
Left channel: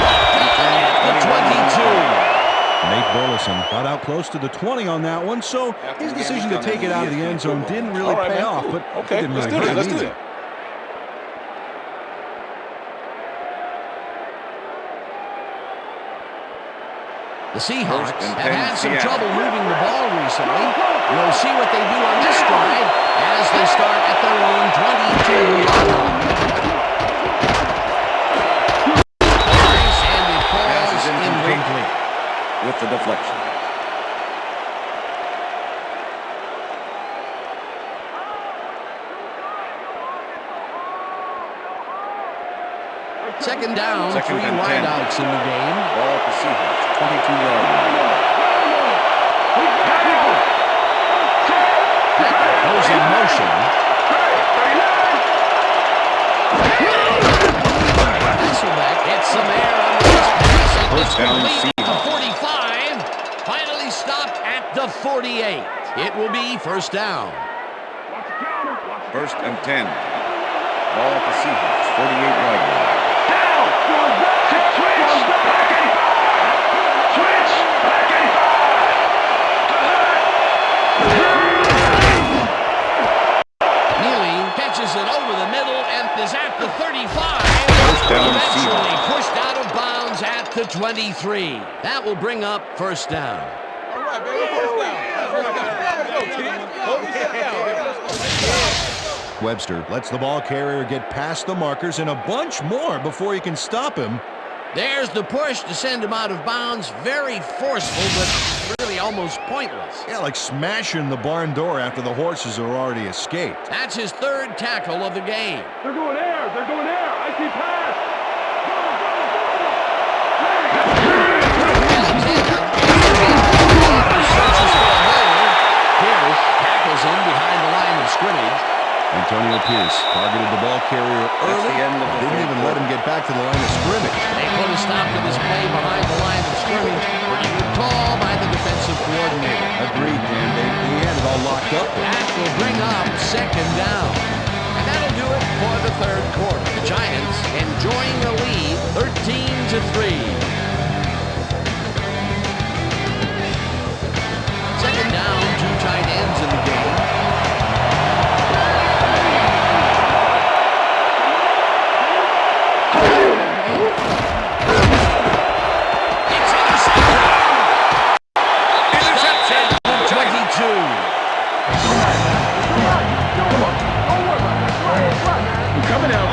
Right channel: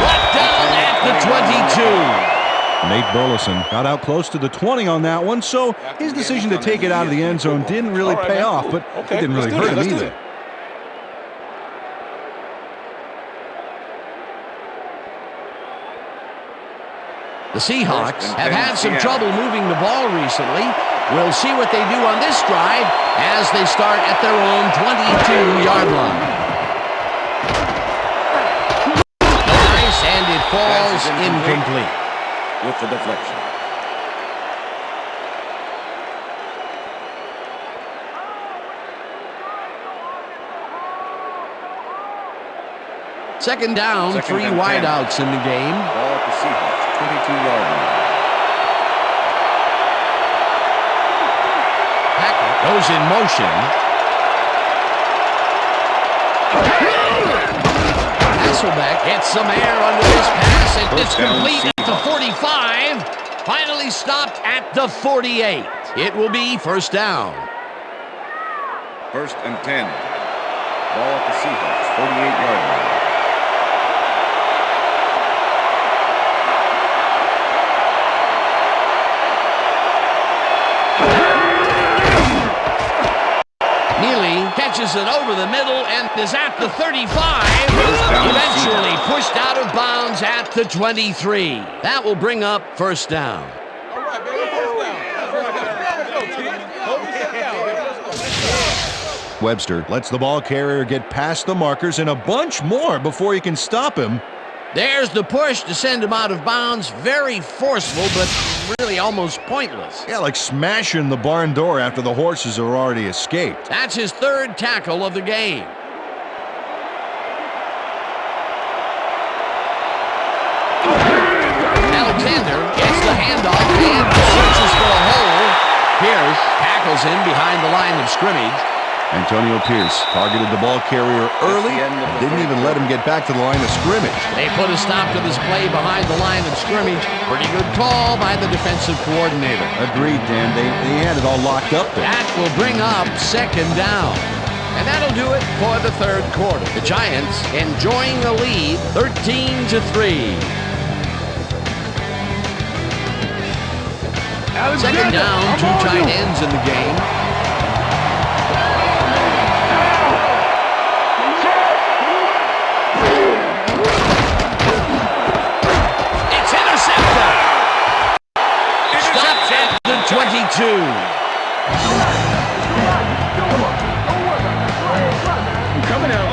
Brought down at the 22. Nate Burleson got out close to the 20 on that one, so his decision to take it out of the end zone didn't really pay off, but it didn't really hurt him either. The Seahawks have had some trouble moving the ball recently. We'll see what they do on this drive as they start at their own 22-yard line. Nice, and it falls incomplete. With the deflection. Second down, Second 3 and 10. wideouts in the game. Ball at the Seahawks' 22-yard line. Hackett goes in motion. Hasselbeck gets some air under this pass, and it's First down, complete at the Seahawks. 45. Finally stopped at the 48. It will be first down. First and 10. Ball at the Seahawks' 48-yard line. Neely catches it over the middle and is at the 35. First down, Eventually Seahawks. pushed out of bounds at the 23. That will bring up first down. All right, baby, first down. First down. Webster lets the ball carrier get past the markers and a bunch more before he can stop him. There's the push to send him out of bounds. Very forceful, but really almost pointless. Yeah, like smashing the barn door after the horses are already escaped. That's his third tackle of the game. They're going air. They're going air. I see pass. Alexander gets the handoff and searches for a hole. Pierce tackles him behind the line of scrimmage. Antonio Pierce targeted the ball carrier early, the end of the didn't third even let him get back to the line of scrimmage. They put a stop to this play behind the line of scrimmage. Pretty good call by the defensive coordinator. Agreed, Dan. They had it all locked up there. That will bring up second down. And that'll do it for the third quarter. The Giants enjoying a lead, 13-3. Second down, 2 tight ends in the game. It's intercepted. Stopped at the 22. Coming out.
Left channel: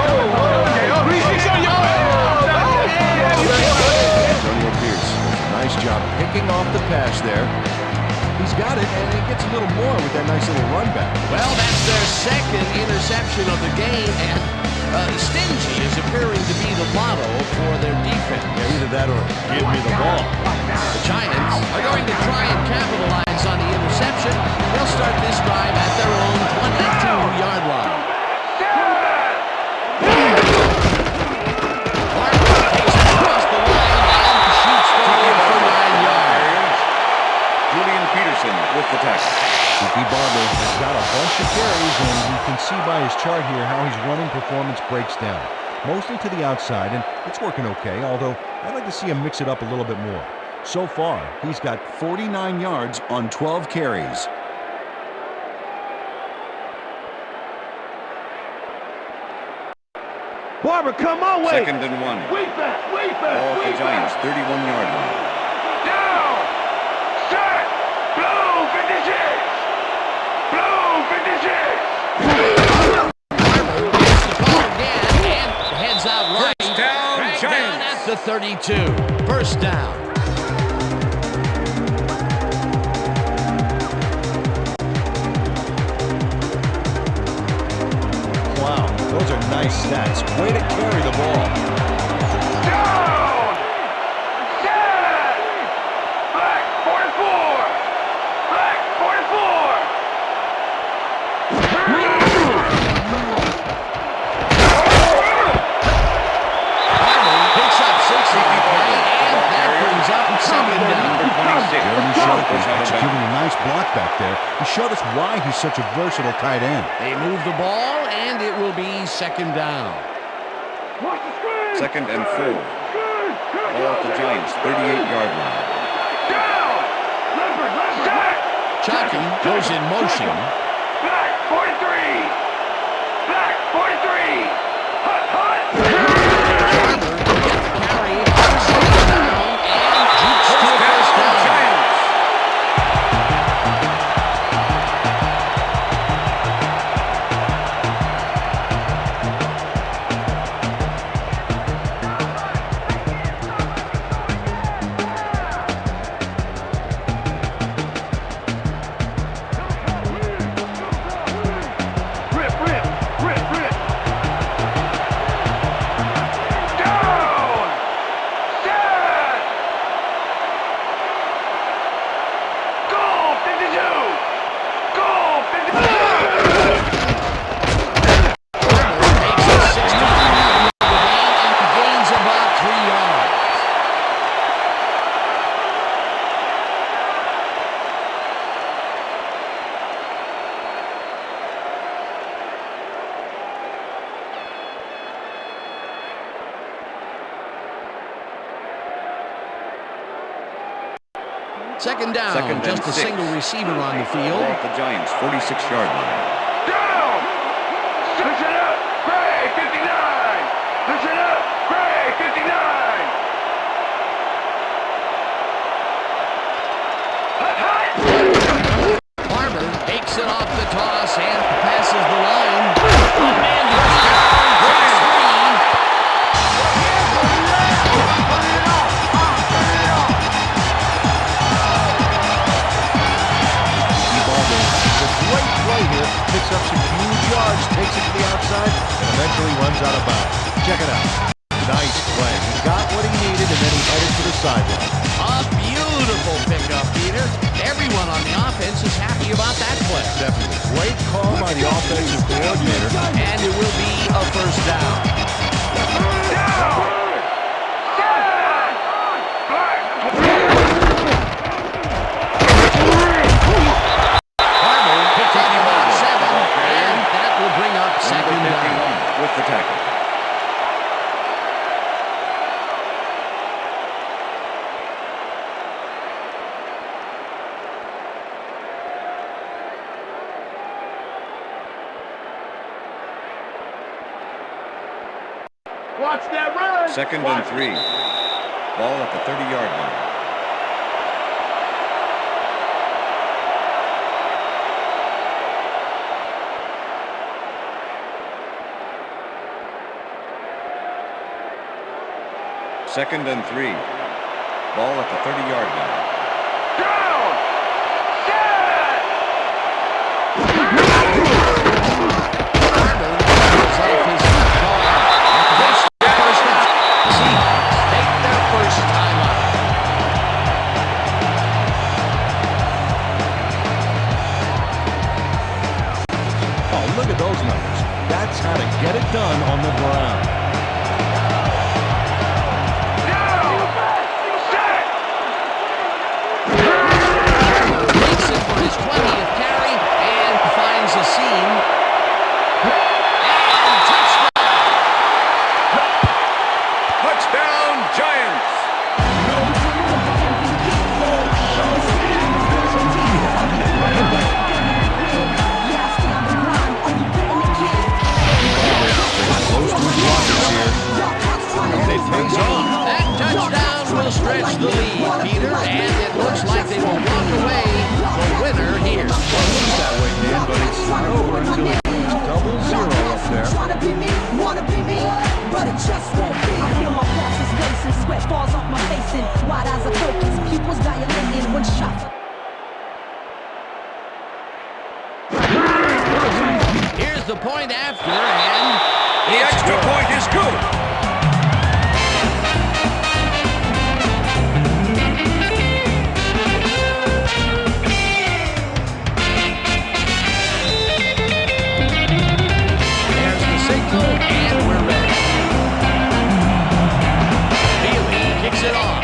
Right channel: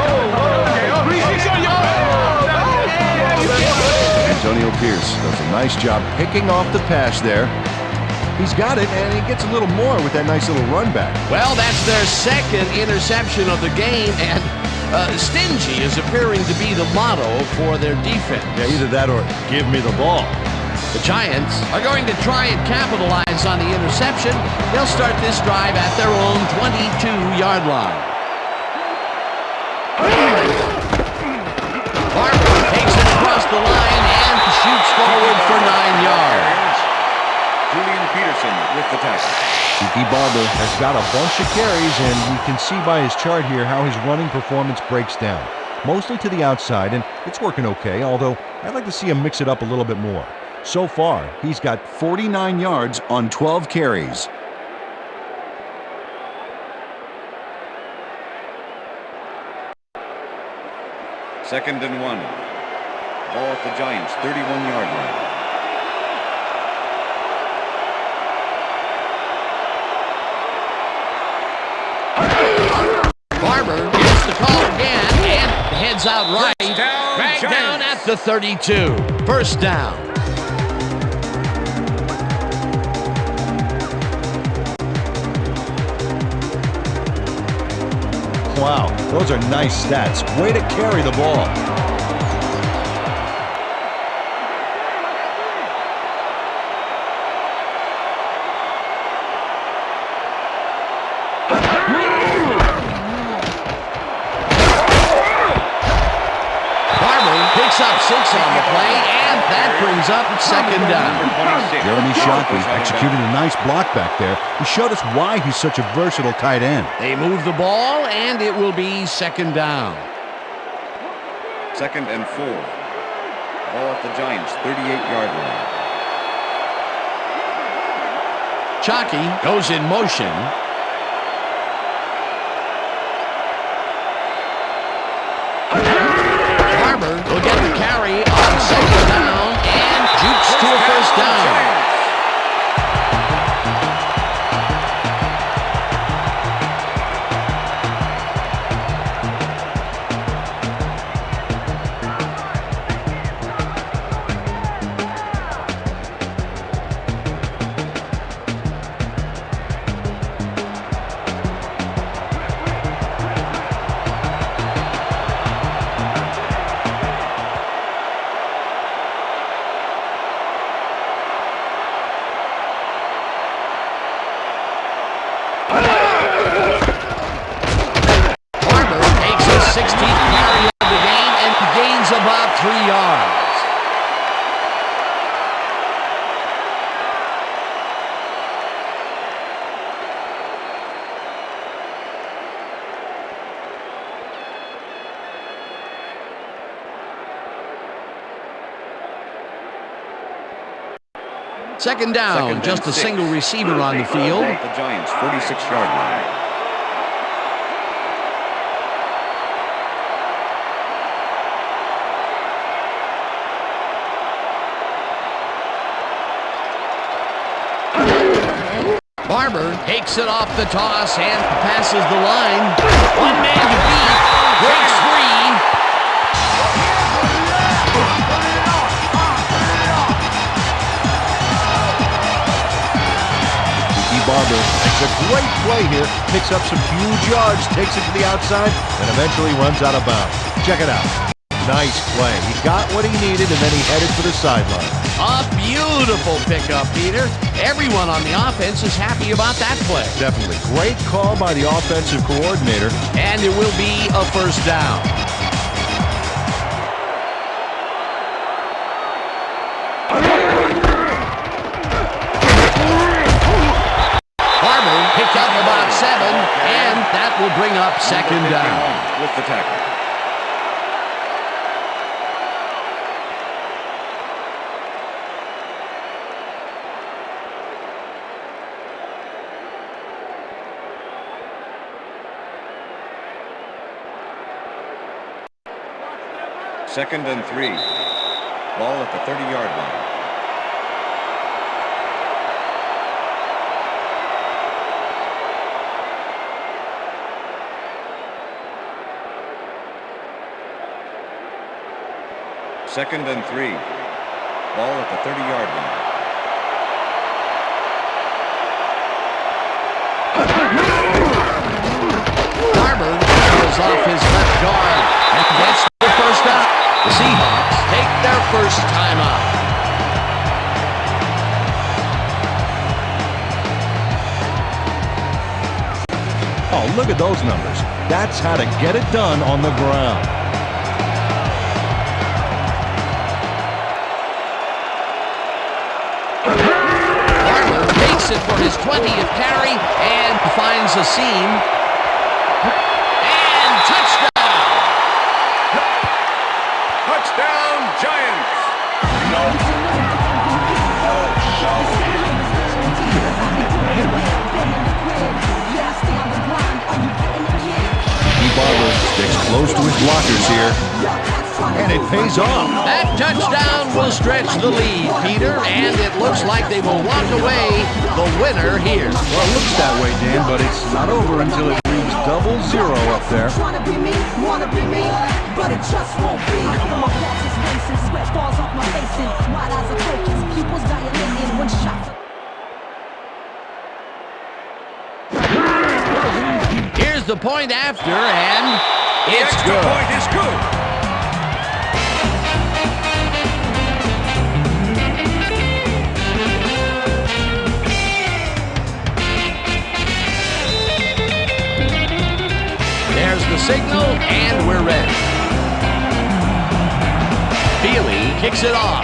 Antonio Pierce does a nice job picking off the pass there. He's got it, and he gets a little more with that nice little run back. Well, that's their second interception of the game, and Stingy is appearing to be the motto for their defense. Yeah, either that or give me the ball. The Giants are going to try and capitalize on the interception. They'll start this drive at their own 22-yard line. Barber takes it across the line and shoots forward for 9 yards. Julian Peterson with the tackle. Tiki Barber has got a bunch of carries, and you can see by his chart here how his running performance breaks down. Mostly to the outside, and it's working okay, although I'd like to see him mix it up a little bit more. So far, he's got 49 yards on 12 carries. Barber, come on, wait. 2nd and 1. Ball at the Giants' 31-yard line. Barber gets the call again and heads out right. First down, Right Giants. down at the 32. First down. Wow, those are nice stats. Way to carry the ball. Picks up 6 on the play, and that brings up 2nd down. Jeremy Shockey executed a nice block back there. He showed us why he's such a versatile tight end. They move the ball, and it will be 2nd down. 2nd and 4. Ball at the Giants' 38-yard line. Shockey goes in motion. Barber will get the carry on 2nd down and jukes to a first down. About 3 yards. Second down, just a single receiver on the field. At the Giants' 46-yard line. Barber takes it off the toss and passes the line. One man to beat. Breaks free. Tiki Barber makes a great play here. Picks up some huge yards, takes it to the outside, and eventually runs out of bounds. Check it out. Nice play. He got what he needed, and then he headed for the sideline. A beautiful pickup, Peter. Everyone on the offense is happy about that play. Definitely. Great call by the offensive coordinator. And it will be a first down. Barber picked up about 7, and that will bring up 2nd down. With the tackle. Watch that run. 2nd and 3. Ball at the 30-yard line. Second and 3. Ball at the 30-yard line. Barber goes off his left guard. And gets the first down. The Seahawks take their first timeout. Oh, look at those numbers. That's how to get it done on the ground. Farmer makes it for his 20th carry and finds a seam. And touchdown! Touchdown, Giants! Barber sticks close to his blockers here, and it pays off. That touchdown will stretch the lead, Peter, and it looks like they will walk away the winner here. Well, it looks that way, Dan, but it's not over until it reads 0-0 up there. Here's the point after, and The it's extra good. point is good. There's the signal, and we're ready. Feely kicks it off.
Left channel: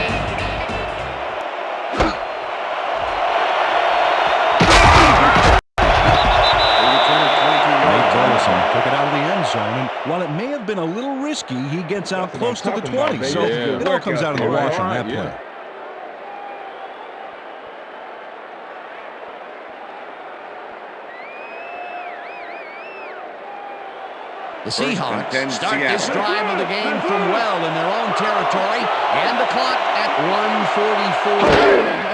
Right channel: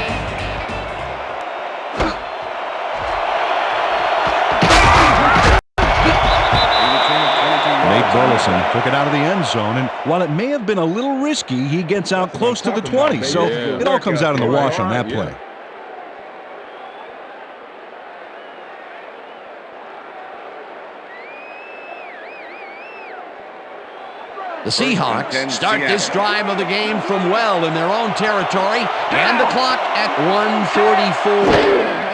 Burleson took it out of the end zone, and while it may have been a little risky, he gets out close to the 20, so it all comes out in the wash on that play. The Seahawks start this drive of the game from well in their own territory, and the clock at 1:44.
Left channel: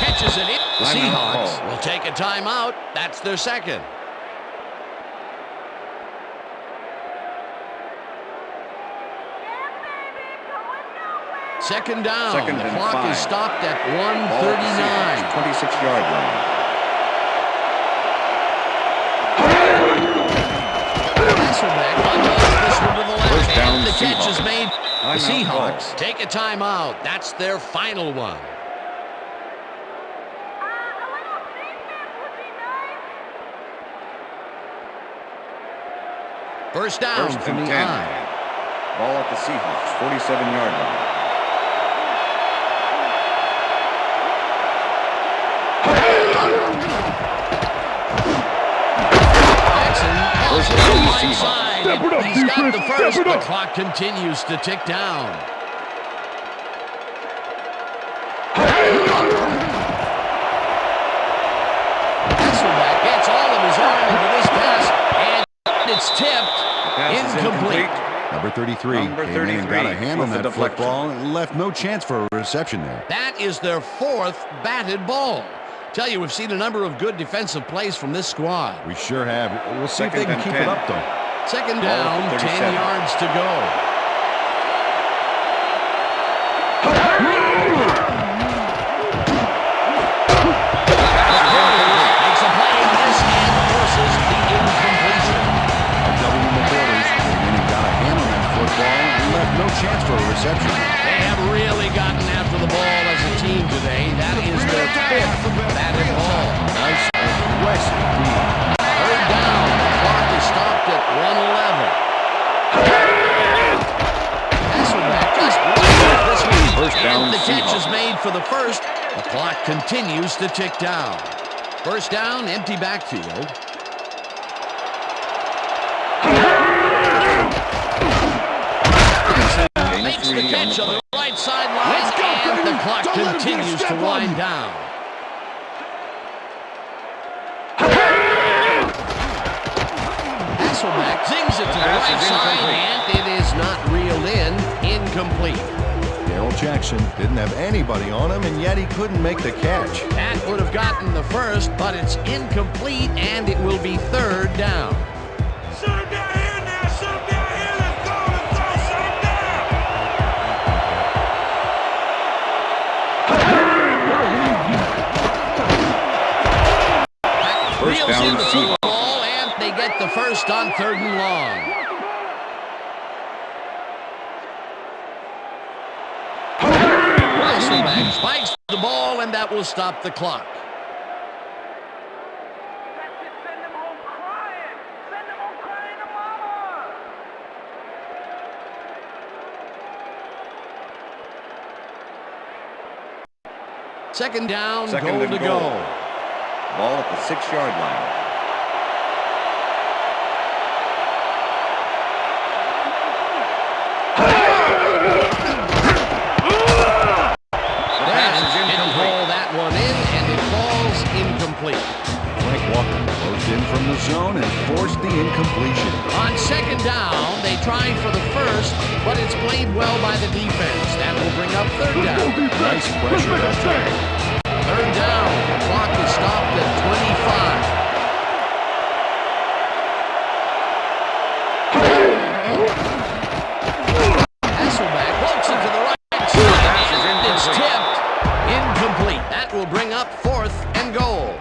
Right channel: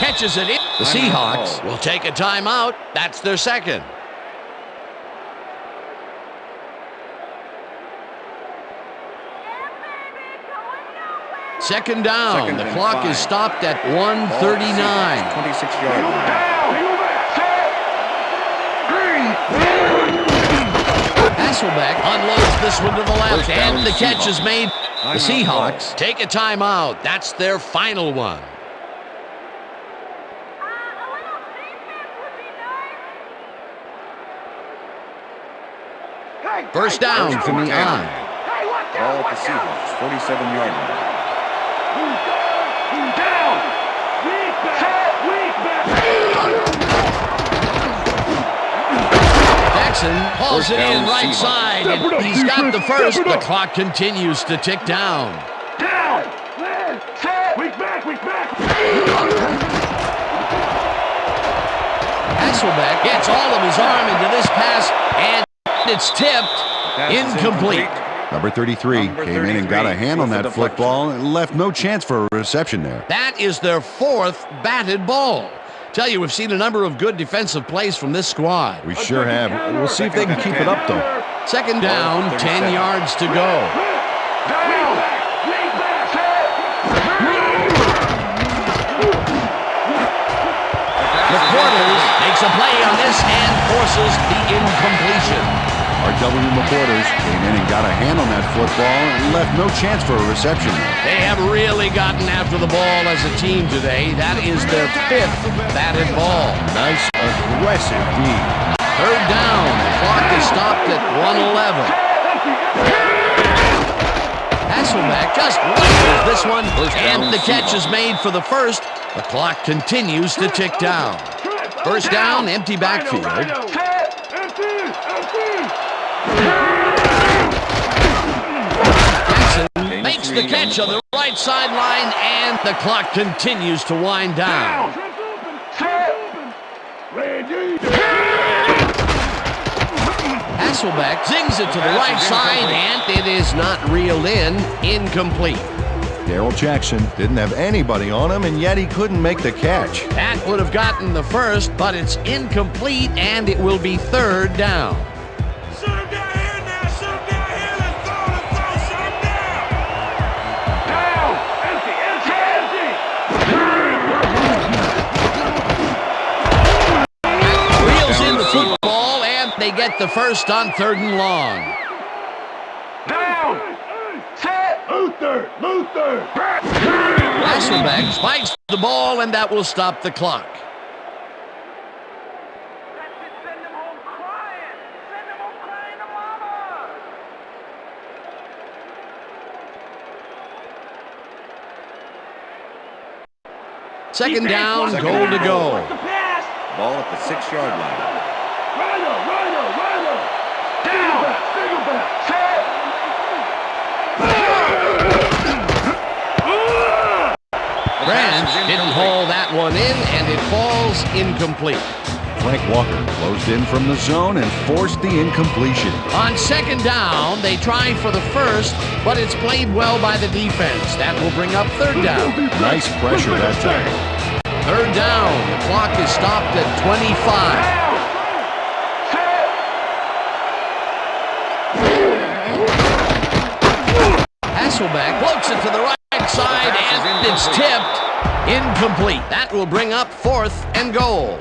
Catches it in. The Seahawks will take a timeout. That's their second. Second down. The clock is stopped at 1:39. 26-yard line. Hasselbeck unloads this one to the left, and the catch is made. The Seahawks take a timeout. That's their final one. First down from the line. Ball at the Seahawks, 47-yard line. Jackson hauls it in right side. And he's got the first. The clock continues to tick down. Hasselbeck gets all of his arm into this pass, and it's tipped. Incomplete. Number 33 came in and got a hand on that football and left no chance for a reception there. That is their fourth batted ball. Tell you, we've seen a number of good defensive plays from this squad. We sure have. We'll see if they can keep it up, though. Second down, 10 yards to go. McQuarters makes a play on this and forces the incompletion. R.W. McQuarters came in and got a hand on that football and left no chance for a reception. They have really gotten after the ball as a team today. That is their fifth batted ball. Nice, aggressive D. Third down. The clock is stopped at 1:11. Hasselbeck just wins this one, and the catch is made for the first. The clock continues to tick down. First down, empty backfield. Jackson makes the catch on the right sideline, and the clock continues to wind down. Hasselbeck zings it to the right side, and it is not reeled in. Incomplete. Darrell Jackson didn't have anybody on him, and yet he couldn't make the catch. That would have gotten the first, but it's incomplete, and it will be third down. Shut him down here now! Shut him down here! Let's go! Shut him down! Down! Empty! Reels in the football, they get the first on 3rd and long. Down. Set. Luther. Hasselbeck spikes the ball, and that will stop the clock. That's it. Send them home crying. Send them home crying to mama. Second down, goal to go. Ball at the 6-yard line. Branch didn't haul that one in, and it falls incomplete. Frank Walker closed in from the zone and forced the incompletion. On 2nd down, they try for the first, but it's played well by the defense. That will bring up 3rd down. Nice pressure that time. 3rd down. The clock is stopped at 25. Hasselbeck floats it to the right side, and it's tipped. Incomplete. That will bring up 4th and goal.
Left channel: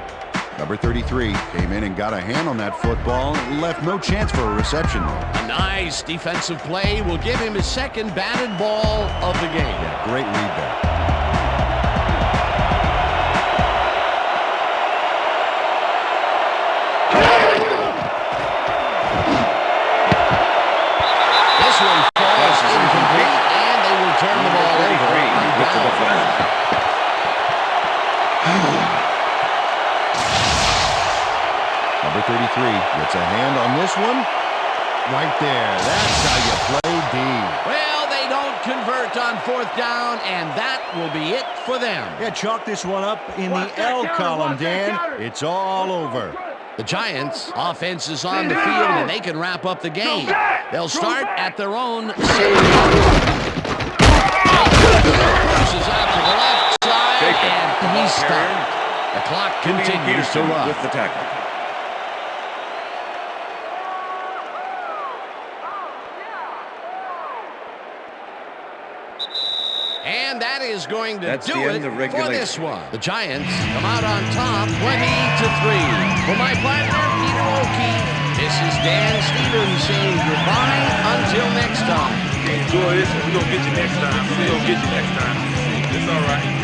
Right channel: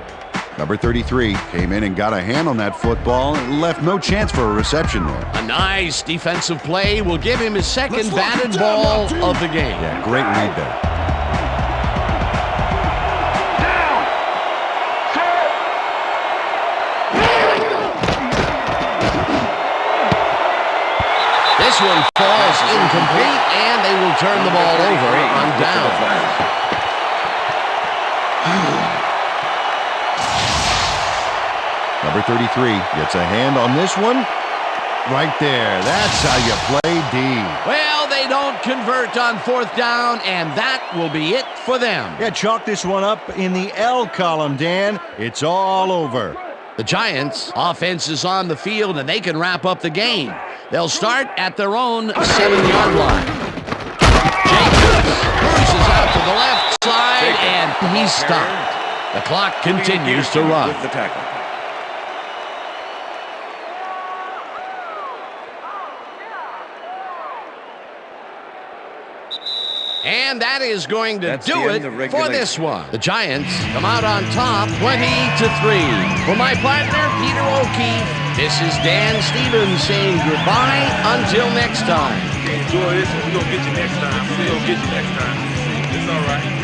Number 33 came in and got a hand on that football and left no chance for a reception there. A nice defensive play will give him his 2nd batted ball of the game. Yeah, great read there. This one falls incomplete, and they will turn the ball over on down. Number 33 gets a hand on this one. Right there. That's how you play D. Well, they don't convert on 4th down, and that will be it for them. Yeah, chalk this one up in the L column, Dan. It's all over. The Giants' offense is on the field, and they can wrap up the game. They'll start at their own 7-yard line. Jacobs cruises out to the left side, and he's stopped. The clock continues to run. With the tackle. And that is going to That's do it for this one. The Giants come out on top 20-3. For my partner, Peter O'Keefe, this is Dan Stevens saying goodbye until next time. Enjoy this, and we're going to get you next time. We're going to get you next time. It's all right.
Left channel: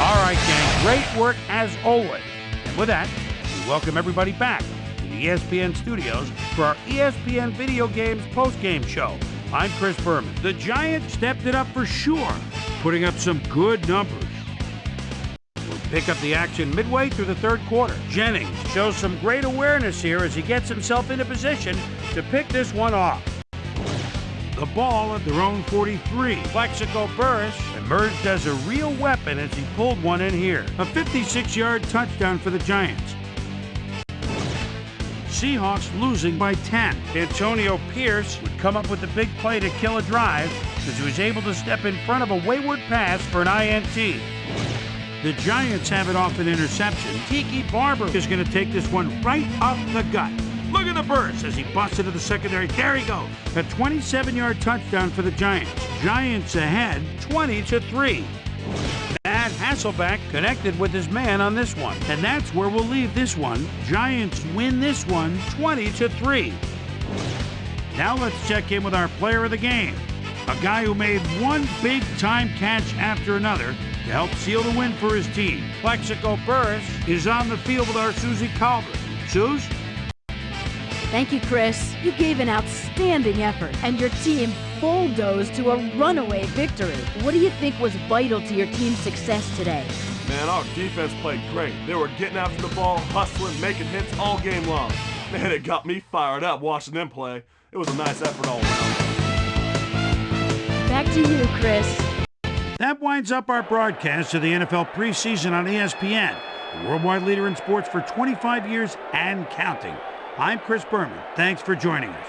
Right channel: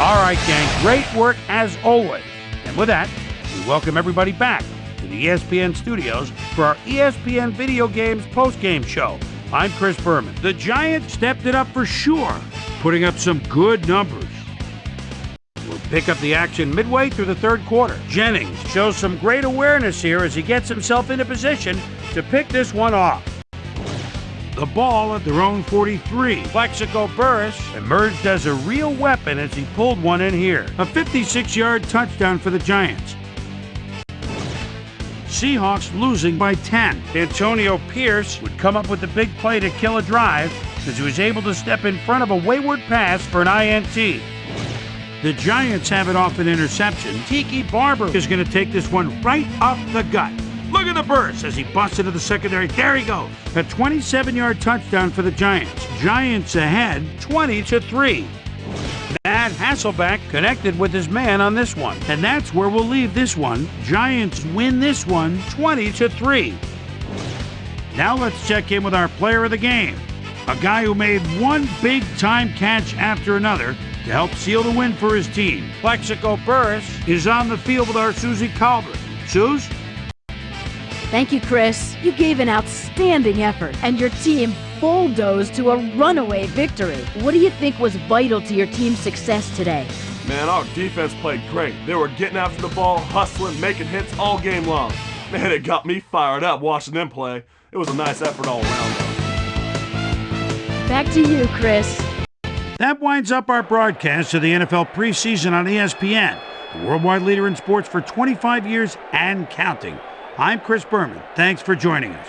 All right, gang, great work as always. And with that, we welcome everybody back to the ESPN studios for our ESPN Video Games post-game show. I'm Chris Berman. The Giants stepped it up for sure, putting up some good numbers. We'll pick up the action midway through the 3rd quarter. Jennings shows some great awareness here as he gets himself into position to pick this one off. The ball at their own 43. Plexico Burris emerged as a real weapon as he pulled one in here. A 56-yard touchdown for the Giants. Seahawks losing by 10. Antonio Pierce would come up with the big play to kill a drive as he was able to step in front of a wayward pass for an INT. The Giants have it off an interception. Tiki Barber is going to take this one right up the gut. Look at the burst as he busts into the secondary. There he goes. A 27-yard touchdown for the Giants. Giants ahead 20-3. Matt Hasselbeck connected with his man on this one. And that's where we'll leave this one. Giants win this one 20-3. Now let's check in with our player of the game. A guy who made one big-time catch after another to help seal the win for his team. Plexico Burris is on the field with our Susie Calvert. Suze? Thank you, Chris. You gave an outstanding effort, and your team bulldozed to a runaway victory. What do you think was vital to your team's success today? Man, our defense played great. They were getting after the ball, hustling, making hits all game long. Man, it got me fired up watching them play. It was a nice effort all around, though. Back to you, Chris. That winds up our broadcast of the NFL preseason on ESPN, the worldwide leader in sports for 25 years and counting. I'm Chris Berman. Thanks for joining us.